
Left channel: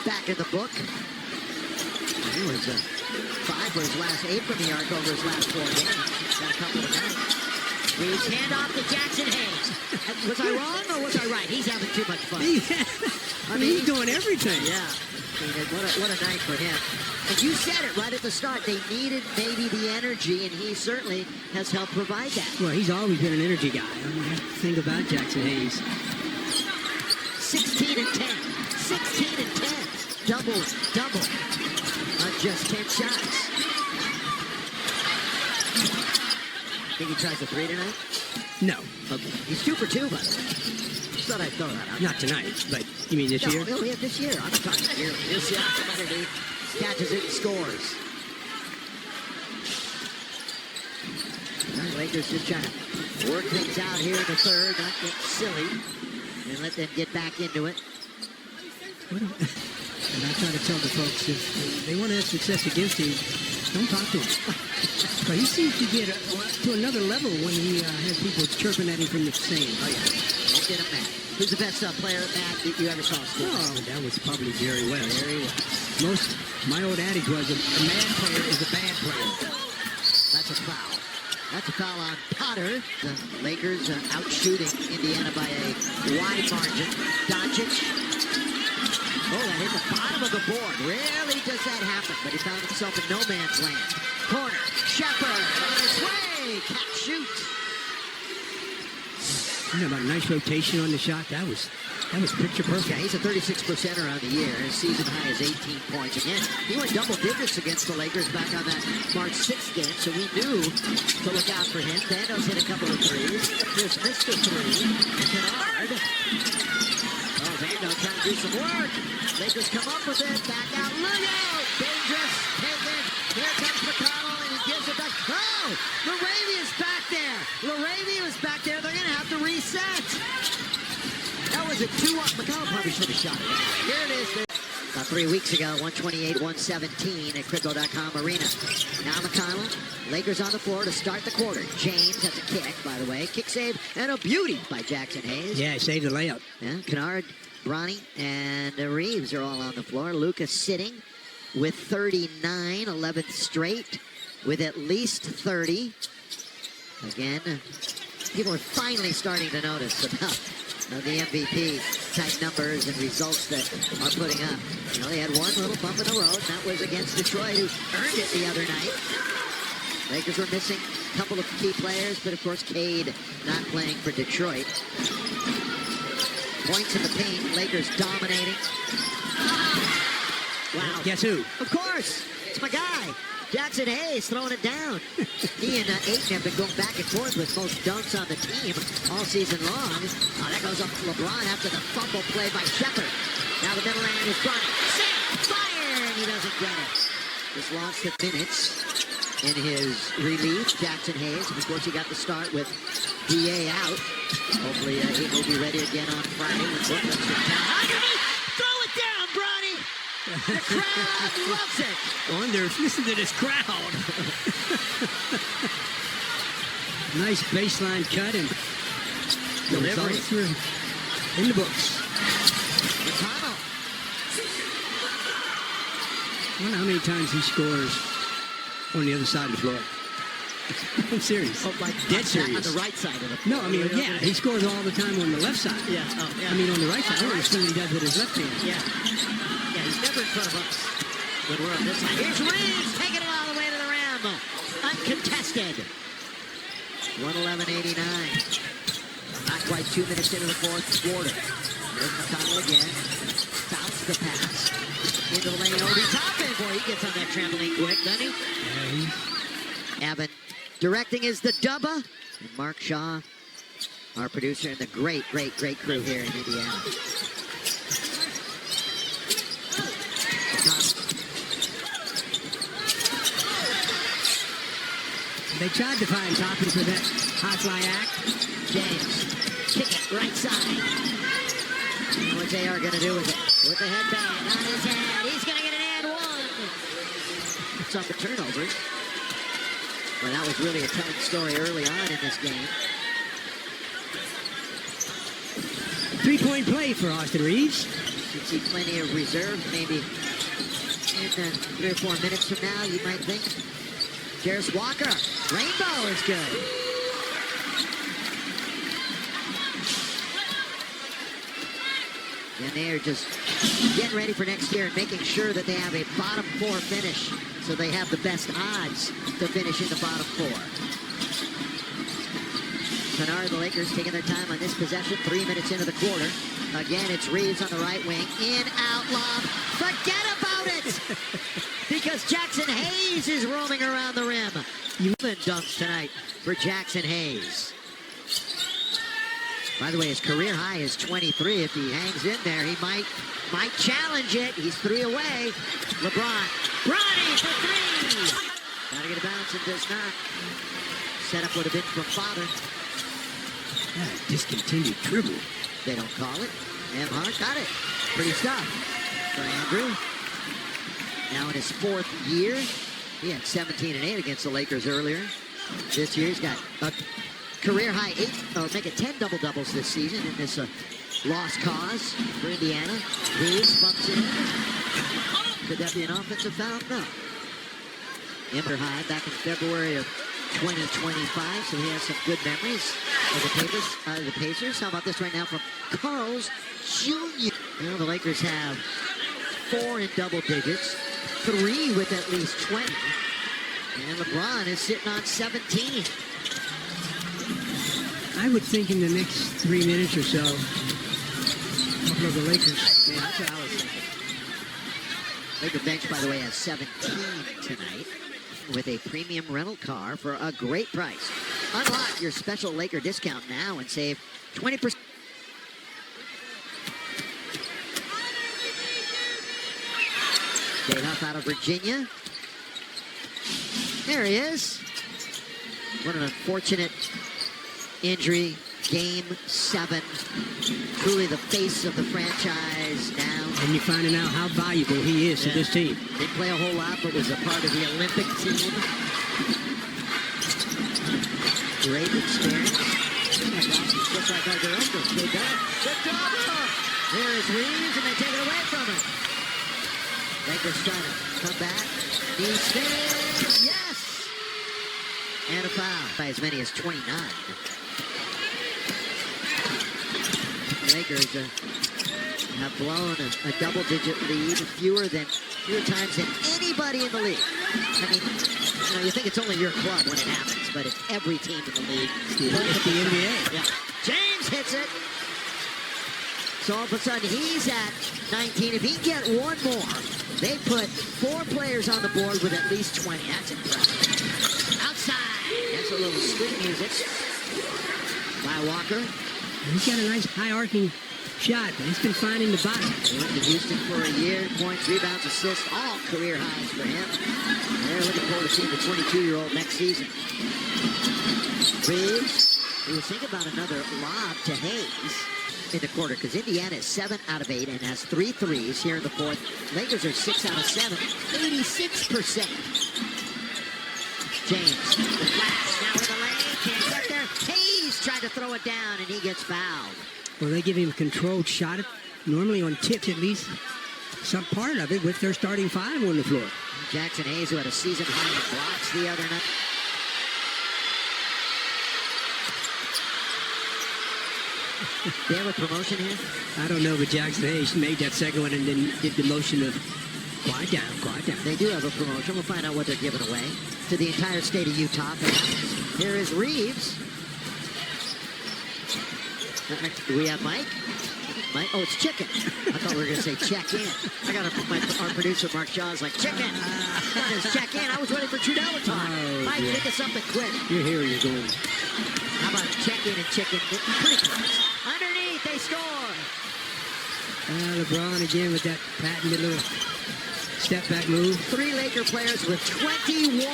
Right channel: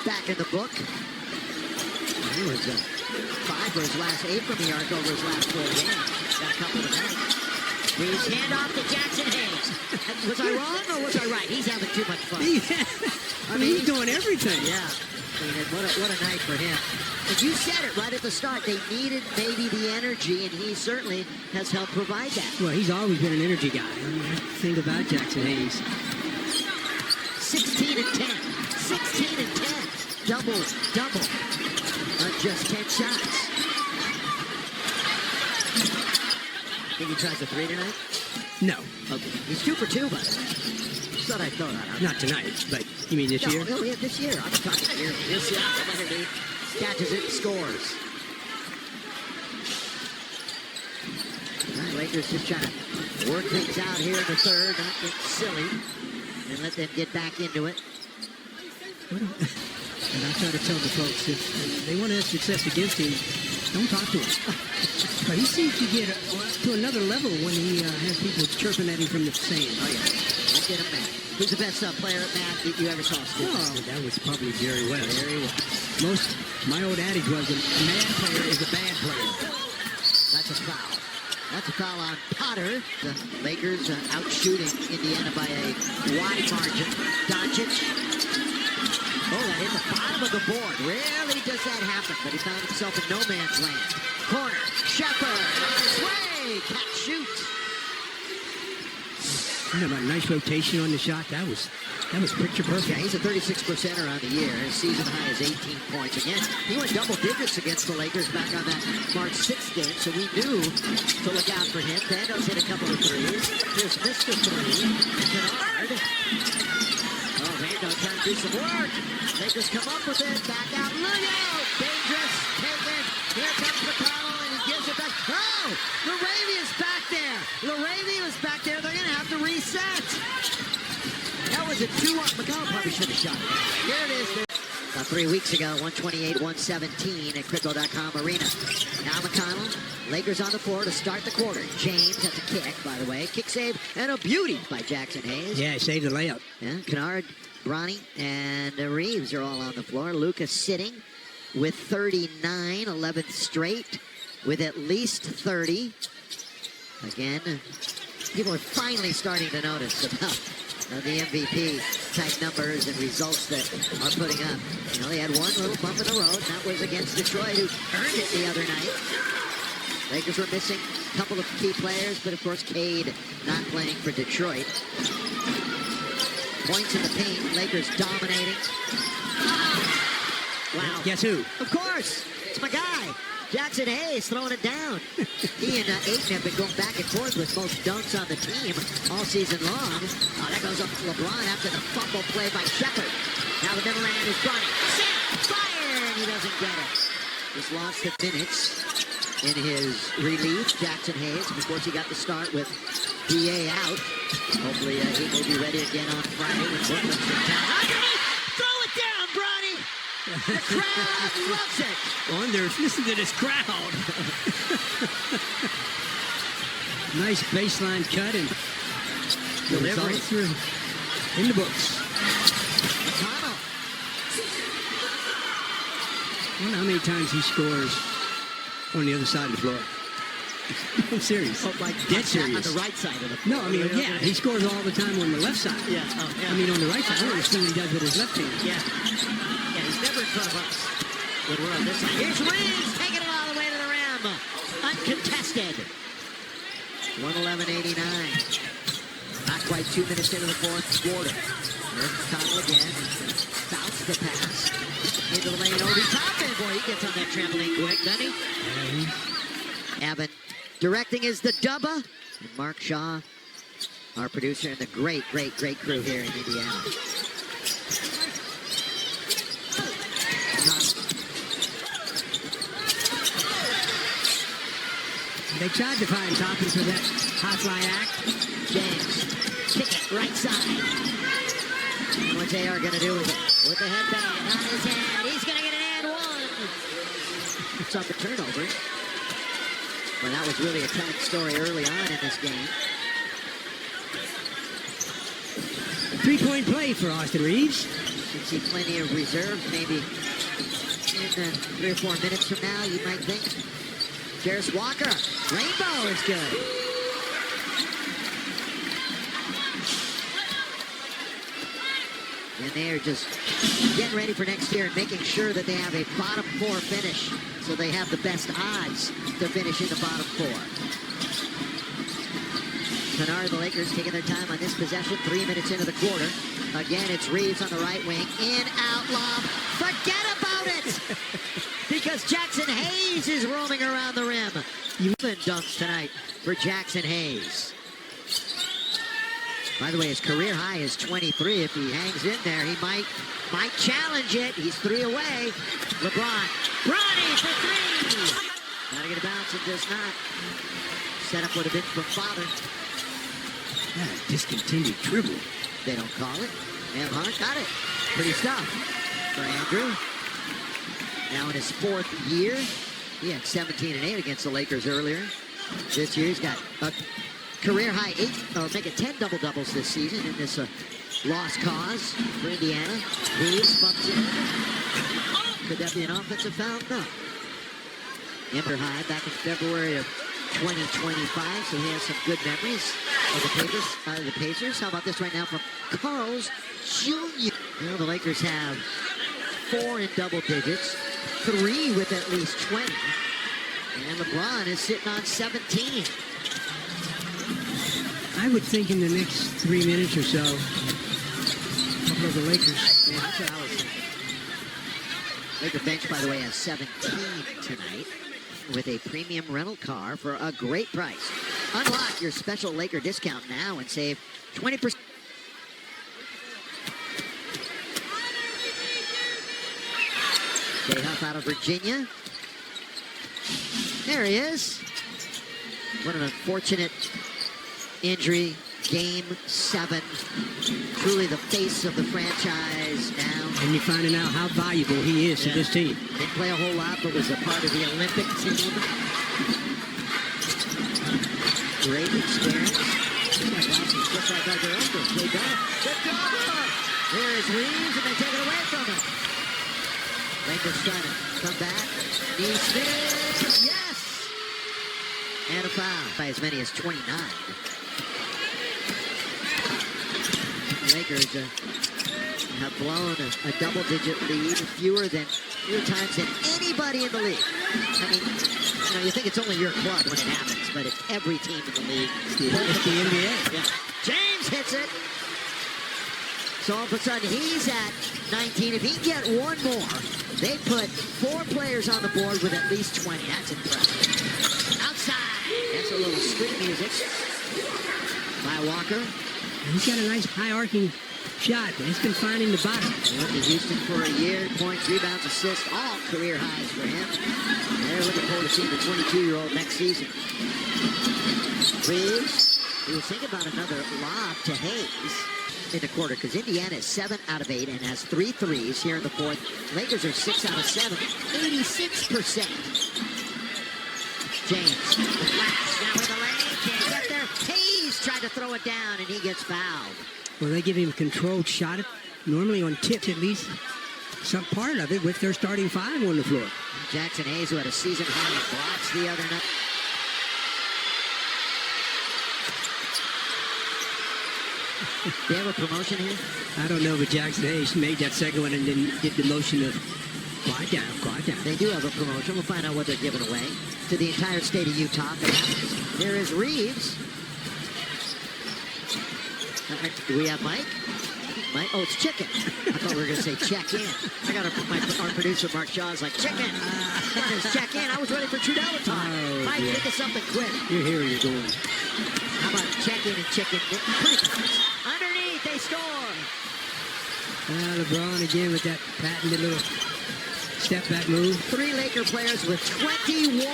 Back in the book. He was 5 for his last 8 from the arc over his last 4 games. Got a couple tonight. Reeves hand off to Jackson Hayes. Was I wrong or was I right? He's having too much fun. I mean, he's doing everything. Yeah. What a night for him. And you said it right at the start. They needed maybe the energy, and he certainly has helped provide that. Well, he's always been an energy guy. I mean, that's the thing about Jackson Hayes. 16 and 10. 16 and 10. Double on just 10 shots. Think he tries a 3 tonight? No. Okay. He's 2 for 2, by the way. Just thought I'd throw that out. Not tonight, but you mean this year? Oh, yeah, this year. I'm talking yearly. Here's Siakam underneath. Catches it and scores. All right, Lakers just trying to work things out here in the third, not get silly, and let them get back into it. And I try to tell the folks, if they want to have success against him, don't talk to him. But he seems to get to another level when he has people chirping at him from the stand. Oh, yeah. Don't get him mad. Who's the best player at Matt that you ever saw score? Oh, that was probably Jerry West. Jerry West. My old adage was a mad player is a bad player. That's a foul. That's a foul on Potter. The Lakers out shooting Indiana by a wide margin. Doncic. Oh, that hit the bottom of the board. Rarely does that happen, but he found himself in no man's land. Corner. Shepard on his way. Catch, shoot. You know, about nice rotation on the shot. That was picture perfect. Yeah, he's a 36%er on the year. His season high is 18 points. Again, he went double digits against the Lakers back on that March 6th game, so we knew to look out for him. Vandos hit a couple of threes. Here's Mr. Three, Kennard. Oh, Vando trying to do some work. Lakers come up with it. Back out. Lugo! Dangerous. Taken. Here comes McConnell, and he gives it back. Oh! Laravia's back there. Laravia was back there. They're going to have to reset. That was a 2-1. McConnell probably should have shot it anyway. Here it is. About 3 weeks ago, 128-117 at Crypto.com Arena. Now McConnell. Lakers on the floor to start the quarter. James, that's a kick, by the way. Kick save and a beauty by Jackson Hayes. Yeah, saved the layup. Yeah, Kennard, Bronny, and Reeves are all on the floor. Luka sitting with 39, 11th straight, with at least 30. Again, people are finally starting to notice about the MVP type numbers and results that are putting up. You know, they had one little bump in the road, and that was against Detroit, who earned it the other night. Lakers were missing a couple of key players, but of course Cade not playing for Detroit. Points in the paint, Lakers dominating. Wow. Guess who? Of course, it's my guy. Jackson Hayes throwing it down. He and Ayton have been going back and forth with most dunks on the team all season long. Oh, that goes up to LeBron after the fumble play by Shepard. Now the middle man is Bronny. Set, fire, and he doesn't get it. Just lost the minutes in his relief, Jackson Hayes. Of course, he got the start with DA out. Hopefully, he will be ready again on Friday when Brooklyn's in town. Underneath! Throw it down, Bronny! The crowd loves it! Wonder, listen to this crowd. Nice baseline cut and the Delivery. results are in the books. McConnell. I wonder how many times he scores on the other side of the floor. I'm serious. Oh, like Dead serious. On the right side of the No, floor. I mean, yeah, he scores all the time on the left side. Yeah, oh, yeah. I mean, on the right side. I On don't the right understand what he does with his left hand. Yeah. Yeah, he's never in front of us when we're on this side. Here's Reeves taking it all the way to the rim. Uncontested. 111.89. Not quite 2 minutes into the fourth quarter. Here's McConnell again. Bounce the pass into the lane. Obi Toppin. Boy, he gets on that trampoline quick, doesn't he? Yeah, Abbott directing is the Dubba. And Mark Shaw, our producer, and the great, great, great crew here in Indiana. They tried to find Toppin for that high fly act. James, kick it right side. And what's AR gonna do with it? With the headband on his head, he's gonna get an and one. It's up the turnovers. Well, that was really a telling story early on in this game. 3-point play for Austin Reeves. You should see plenty of reserve, maybe in 3 or 4 minutes from now, you might think. Jarris Walker, rainbow is good. And they are just getting ready for next year and making sure that they have a bottom 4 finish so they have the best odds to finish in the bottom 4. Kennard, the Lakers taking their time on this possession, 3 minutes into the quarter. Again, it's Reeves on the right wing. In, out, lob. Forget about it! Because Jackson Hayes is roaming around the rim. Even dunks tonight for Jackson Hayes. By the way, his career high is 23. If he hangs in there, he might challenge it. He's 3 away. LeBron. Bronny for 3. Gotta get a bounce and does not. Setup would have been from Father. Yeah, discontinued dribble. They don't call it. Nembhard got it. Pretty stuff for Andrew. Now in his 4th year. He had 17 and 8 against the Lakers earlier. This year he's got a career high 8, or make it 10 double-doubles this season in this lost cause for Indiana. Reeves bumps it in. Could that be an offensive foul? No. Ember High back in February of 2025, so he has some good memories of the Pacers. How about this right now from Carl's Jr.? Well, the Lakers have 4 in double digits, 3 with at least 20, and LeBron is sitting on 17. I would think in the next 3 minutes or so, a couple of the Lakers. Yeah, that's what I was thinking. Laker bench, by the way, has 17 tonight with a premium rental car for a great price. Unlock your special Laker discount now and save 20%. Jay Huff out of Virginia. There he is. What an unfortunate injury. Game 7. Truly the face of the franchise now. And you're finding out how valuable he is to this team. Didn't play a whole lot, but was a part of the Olympic team. Great experience. He's got glasses just like Arthur Engels. They done the double. Here is Reeves, and they take it away from him. Lakers trying to come back. Neesmith, yes! And a foul by as many as 29. The Lakers have blown a double-digit lead fewer times than anybody in the league. I mean, you think it's only your club when it happens, but it's every team in the league. It's the NBA. Yeah. James hits it. So all of a sudden, he's at 19. If he can get one more, they put 4 players on the board with at least 20. That's impressive. Outside. That's a little street music by Walker. He's got a nice high-arcing shot, but he's been finding the bottom. He went to Houston for a year. Points, rebounds, assists, all career highs for him. They're looking forward to seeing the 22-year-old next season. Reeves, he was thinking about another lob to Hayes in the quarter because Indiana is 7 out of 8 and has 3 threes here in the fourth. Lakers are 6 out of 7, 86%. James, the flash, now with the lane, can't get there. Hayes tried to throw it down and he gets fouled. Well, they give him a controlled shot, normally on tips at least, some part of it with their starting 5 on the floor. Jackson Hayes, who had a season high in blocks the other night. They have a promotion here? I don't know, but Jackson Hayes made that second one and then did the motion of quiet down, quiet down. They do have a promotion. We'll find out what they're giving away to the entire state of Utah if it happens. Here is Reeves. Do we have Mike? Mike? Oh, it's chicken. I thought we were going to say check in. I got our producer, Mark Shaw, is like, chicken. What is check in? I was waiting for Trudell to talk. Oh, Mike, yeah. think of something quick. You're here, you're going. How about check in and chicken? Pretty close. Underneath, they score. LeBron again with that patented little step back move. 3 Laker players with 21.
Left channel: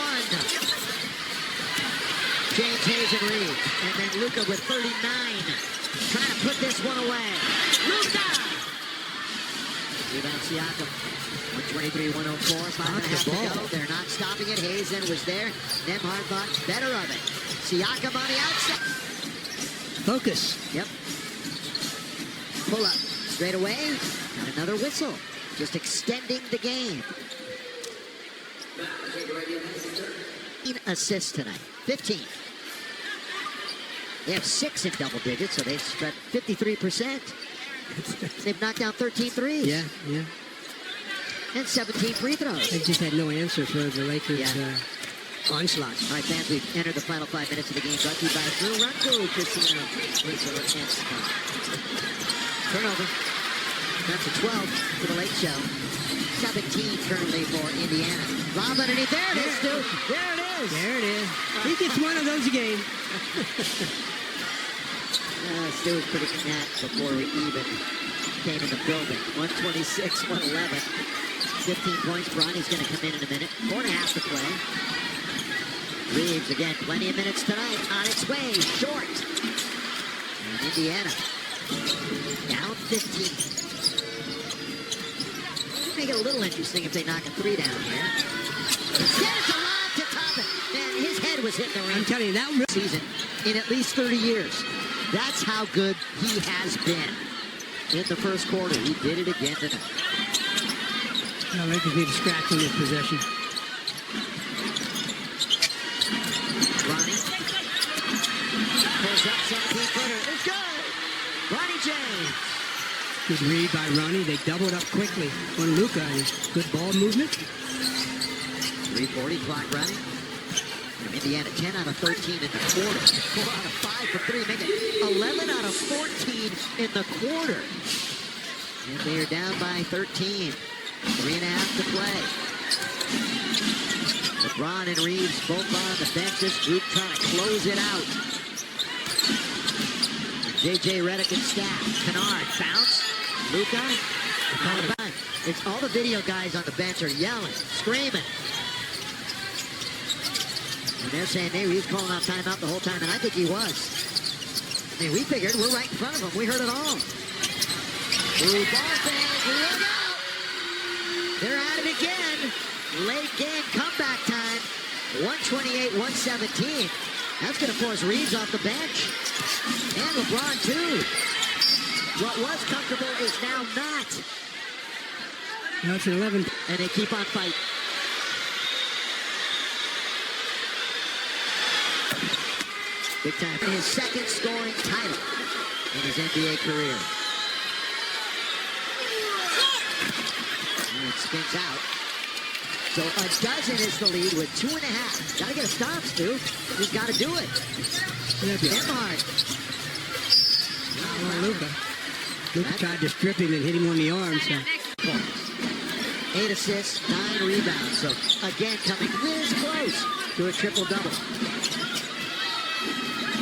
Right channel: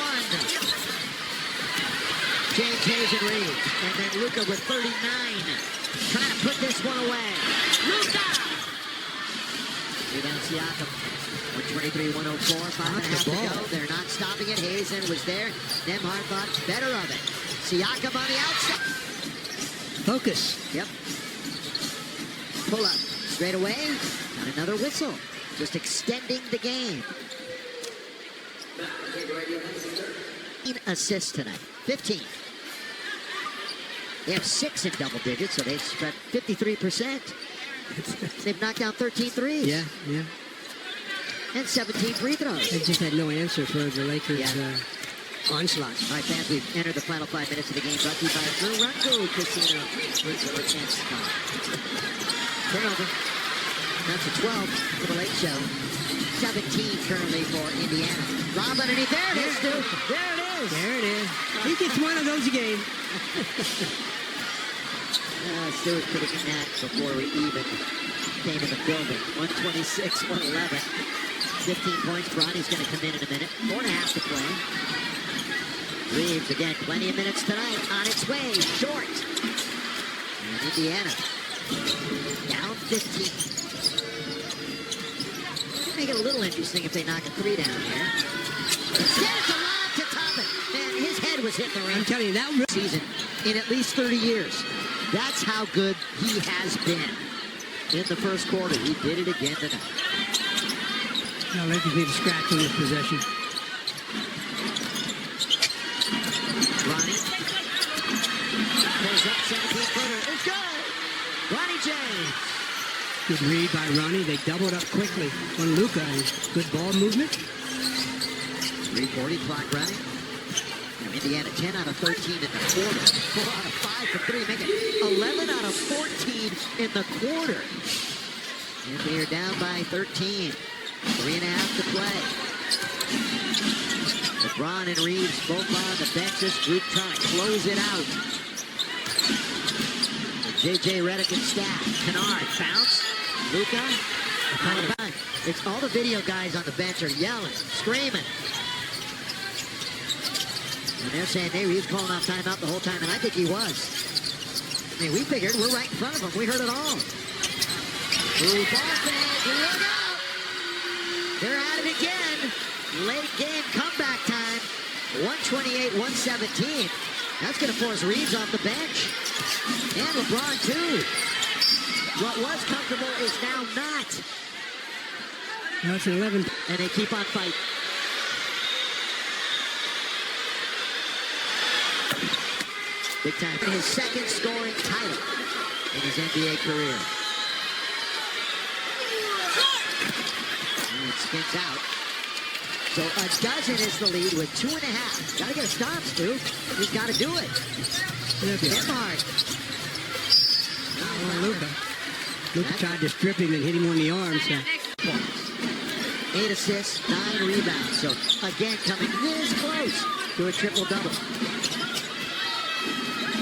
James Hayes and Reeves. And then Luka with 39. Trying to put this one away. Luka! Rebound Siakam. 123-104. 5.5 to go. They're not stopping it. Hazen was there. Nembhard thought better of it. Siakam on the outside. Focus. Yep. Pull up. Straight away. Got another whistle. Just extending the game. 15 assists tonight. 15. They have 6 in double digits, so they've spread 53%. They've knocked down 13 threes. Yeah, yeah. And 17 free throws. They just had no answer for the Lakers' onslaught. All right, fans, we've entered the final 5 minutes of the game. Brought to you by Morocco Casino Resort and Spa. Turnover. That's a 12 for the Lake Show. 17 currently for Indiana. Lob underneath. There it is, Stu. There it is. There it is. He gets one of those a game. Stu was predicting that before we even came in the building. 126-111. 15 points. Bronny's going to come in a minute. 4.5 to play. Reeves, again, plenty of minutes tonight. On its way. Short. And Indiana down 15. Make it a little interesting if they knock a 3 down here. Instead, it's a lob to Toppin. Man, his head was hitting the rim. I'm telling you, that season in at least 30 years. That's how good he has been in the first quarter. He did it again tonight. No, Lakers need a scratch on this possession. Ronnie pulls up 17-footer. It's good. Ronnie James. Good read by Ronnie. They doubled up quickly on Luka. Good ball movement. 3:40 clock running. Indiana 10 out of 13 in the quarter. 4 out of 5 for 3, make it 11 out of 14 in the quarter. And they are down by 13. 3.5 to play. LeBron and Reeves both on the bench. This group trying to close it out. J.J. Redick and staff. Kennard bounce. Luka. It's all the video guys on the bench are yelling, screaming. And they're saying he was calling out timeout the whole time, and I think he was. I mean, we figured we're right in front of him. We heard it all. Ooh, ball fake. Look out. They're at it again. Late game comeback time. 128-117. That's going to force Reeves off the bench. And LeBron, too. What was comfortable is now not. Now it's an 11. And they keep on fighting. Big time. His second scoring title in his NBA career. And it spins out. So a dozen is the lead with 2.5. Gotta get a stop, Stu. He's gotta do it. Nembhard. Oh, Luka. Luka tried to strip him and hit him on the arm. So. 8 assists, 9 rebounds. So again, coming this close to a triple-double.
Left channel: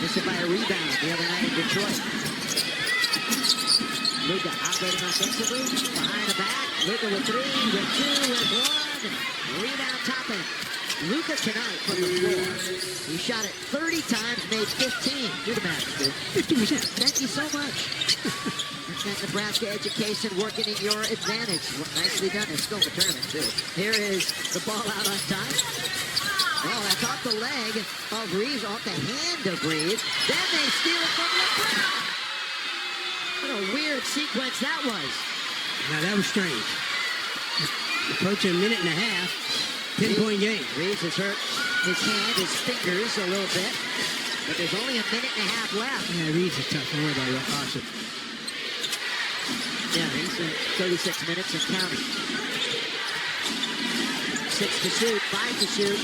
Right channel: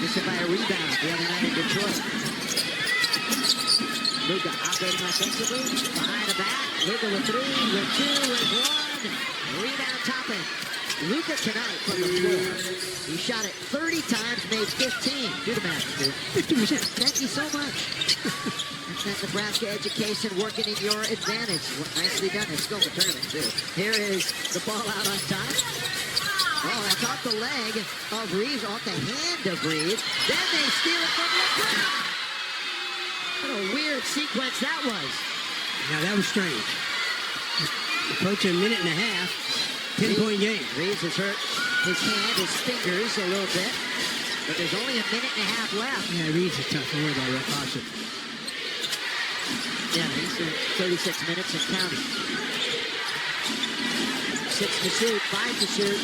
Missed it by a rebound the other night in Detroit. Luka operating offensively, behind the back. Luka with 3, with 2, with 1. Rebound Toppin. Luka tonight from the floor. He shot it 30 times, made 15. Do the math, Stu. 50%. Thank you so much. That's that Nebraska education working in your advantage. Nicely done. It's still in the tournament, too. Here is the ball out on top. Oh, that's off the leg of Reeves, off the hand of Reeves. Then they steal it from LeBron. What a weird sequence that was. Now that was strange. Approaching a minute and a half. 10-point game. Reeves has hurt his hand, his fingers a little bit. But there's only a minute and a half left. Yeah, Reeves is tough. Don't worry about it. Awesome. Yeah, he's in 36 minutes and counting. 6 to shoot, 5 to shoot.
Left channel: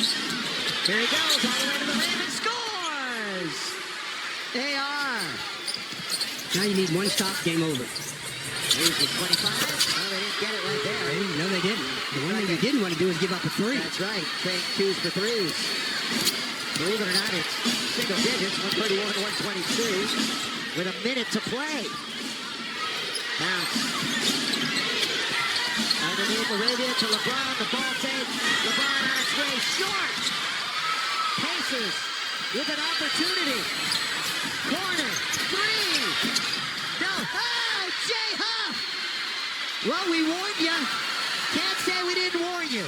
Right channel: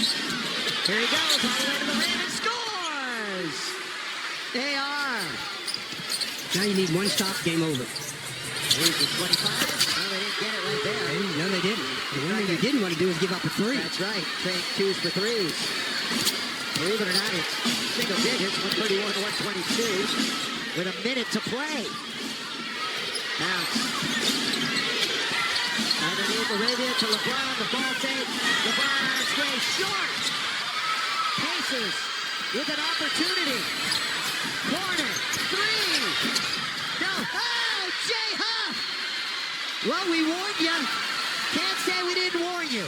Here he goes, all the way to the rim and scores! They are. Now you need one stop, game over. Here's the 25. No, they didn't get it right there. No, they didn't. The one thing you didn't want to do is give up a 3. That's right, trading 2s for 3s. Believe it or not, it's single digits, 131-122, with a minute to play. Bounce. Underneath Arabia to LeBron, the ball fake. LeBron on its way, short. Pacers with an opportunity. Corner, 3. No, oh, Jay Huff. Well, we warned you. Can't say we didn't warn you.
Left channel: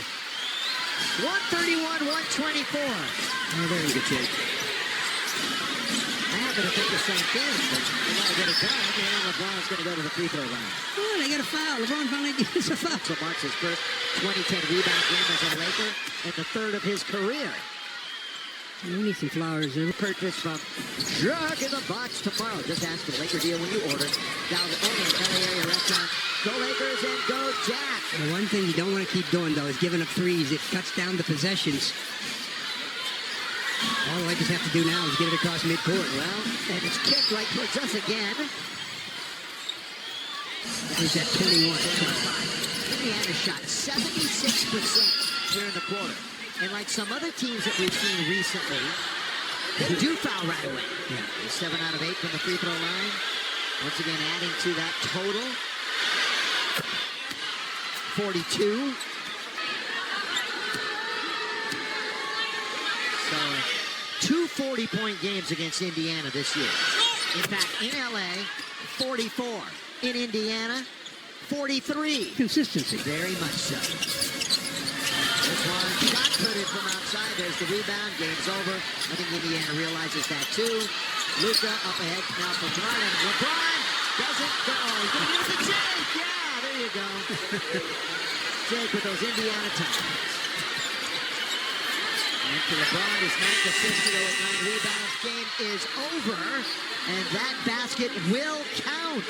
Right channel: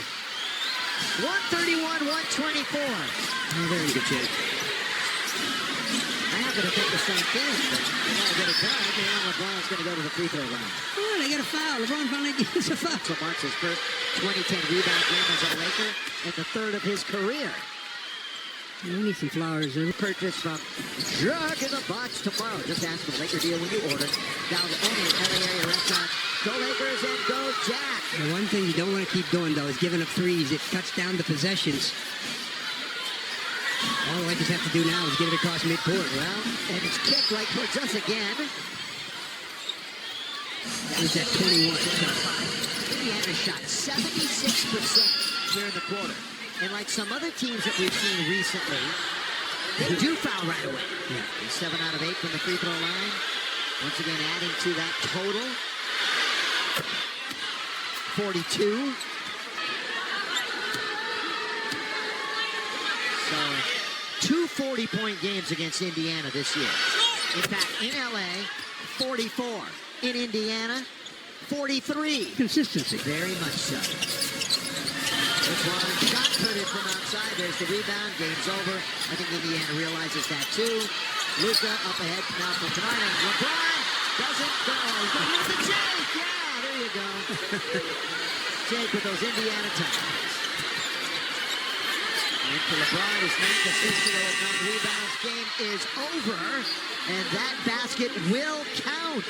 131-124. Oh, they're in good shape. I happen to think the same thing, but they got to get it done. And LeBron's going to go to the free throw line. Oh, they got a foul. LeBron finally gets a foul. So marks his first 2010 rebound game as a Laker and the 3rd of his career. We need some flowers there. Purchase from Jack in the Box tomorrow. Just ask for the Laker deal when you order. Down the only LA area restaurant. Go Lakers and go Jack. The one thing you don't want to keep doing, though, is giving up 3s. It cuts down the possessions. All the Lakers have to do now is get it across midcourt. Well, and it's kicked right towards us again. It's at 21. Indiana shot 76% here in the quarter. And like some other teams that we've seen recently, they do foul right away. Yeah. 7 out of 8 from the free throw line. Once again, adding to that total. 42. So, 2 40-point games against Indiana this year. In fact, in LA, 44. In Indiana, 43. Consistency. Very much so. This one, shot put it from outside. There's the rebound. Game's over. I think Indiana realizes that too. Luka up ahead now for Kennard. And LeBron doesn't go. He's going to give it to Jake. Yeah, there you go. Jake with those Indiana times. And for LeBron, his 9th assist to go with 9 rebounds. Game is over. And that basket will count.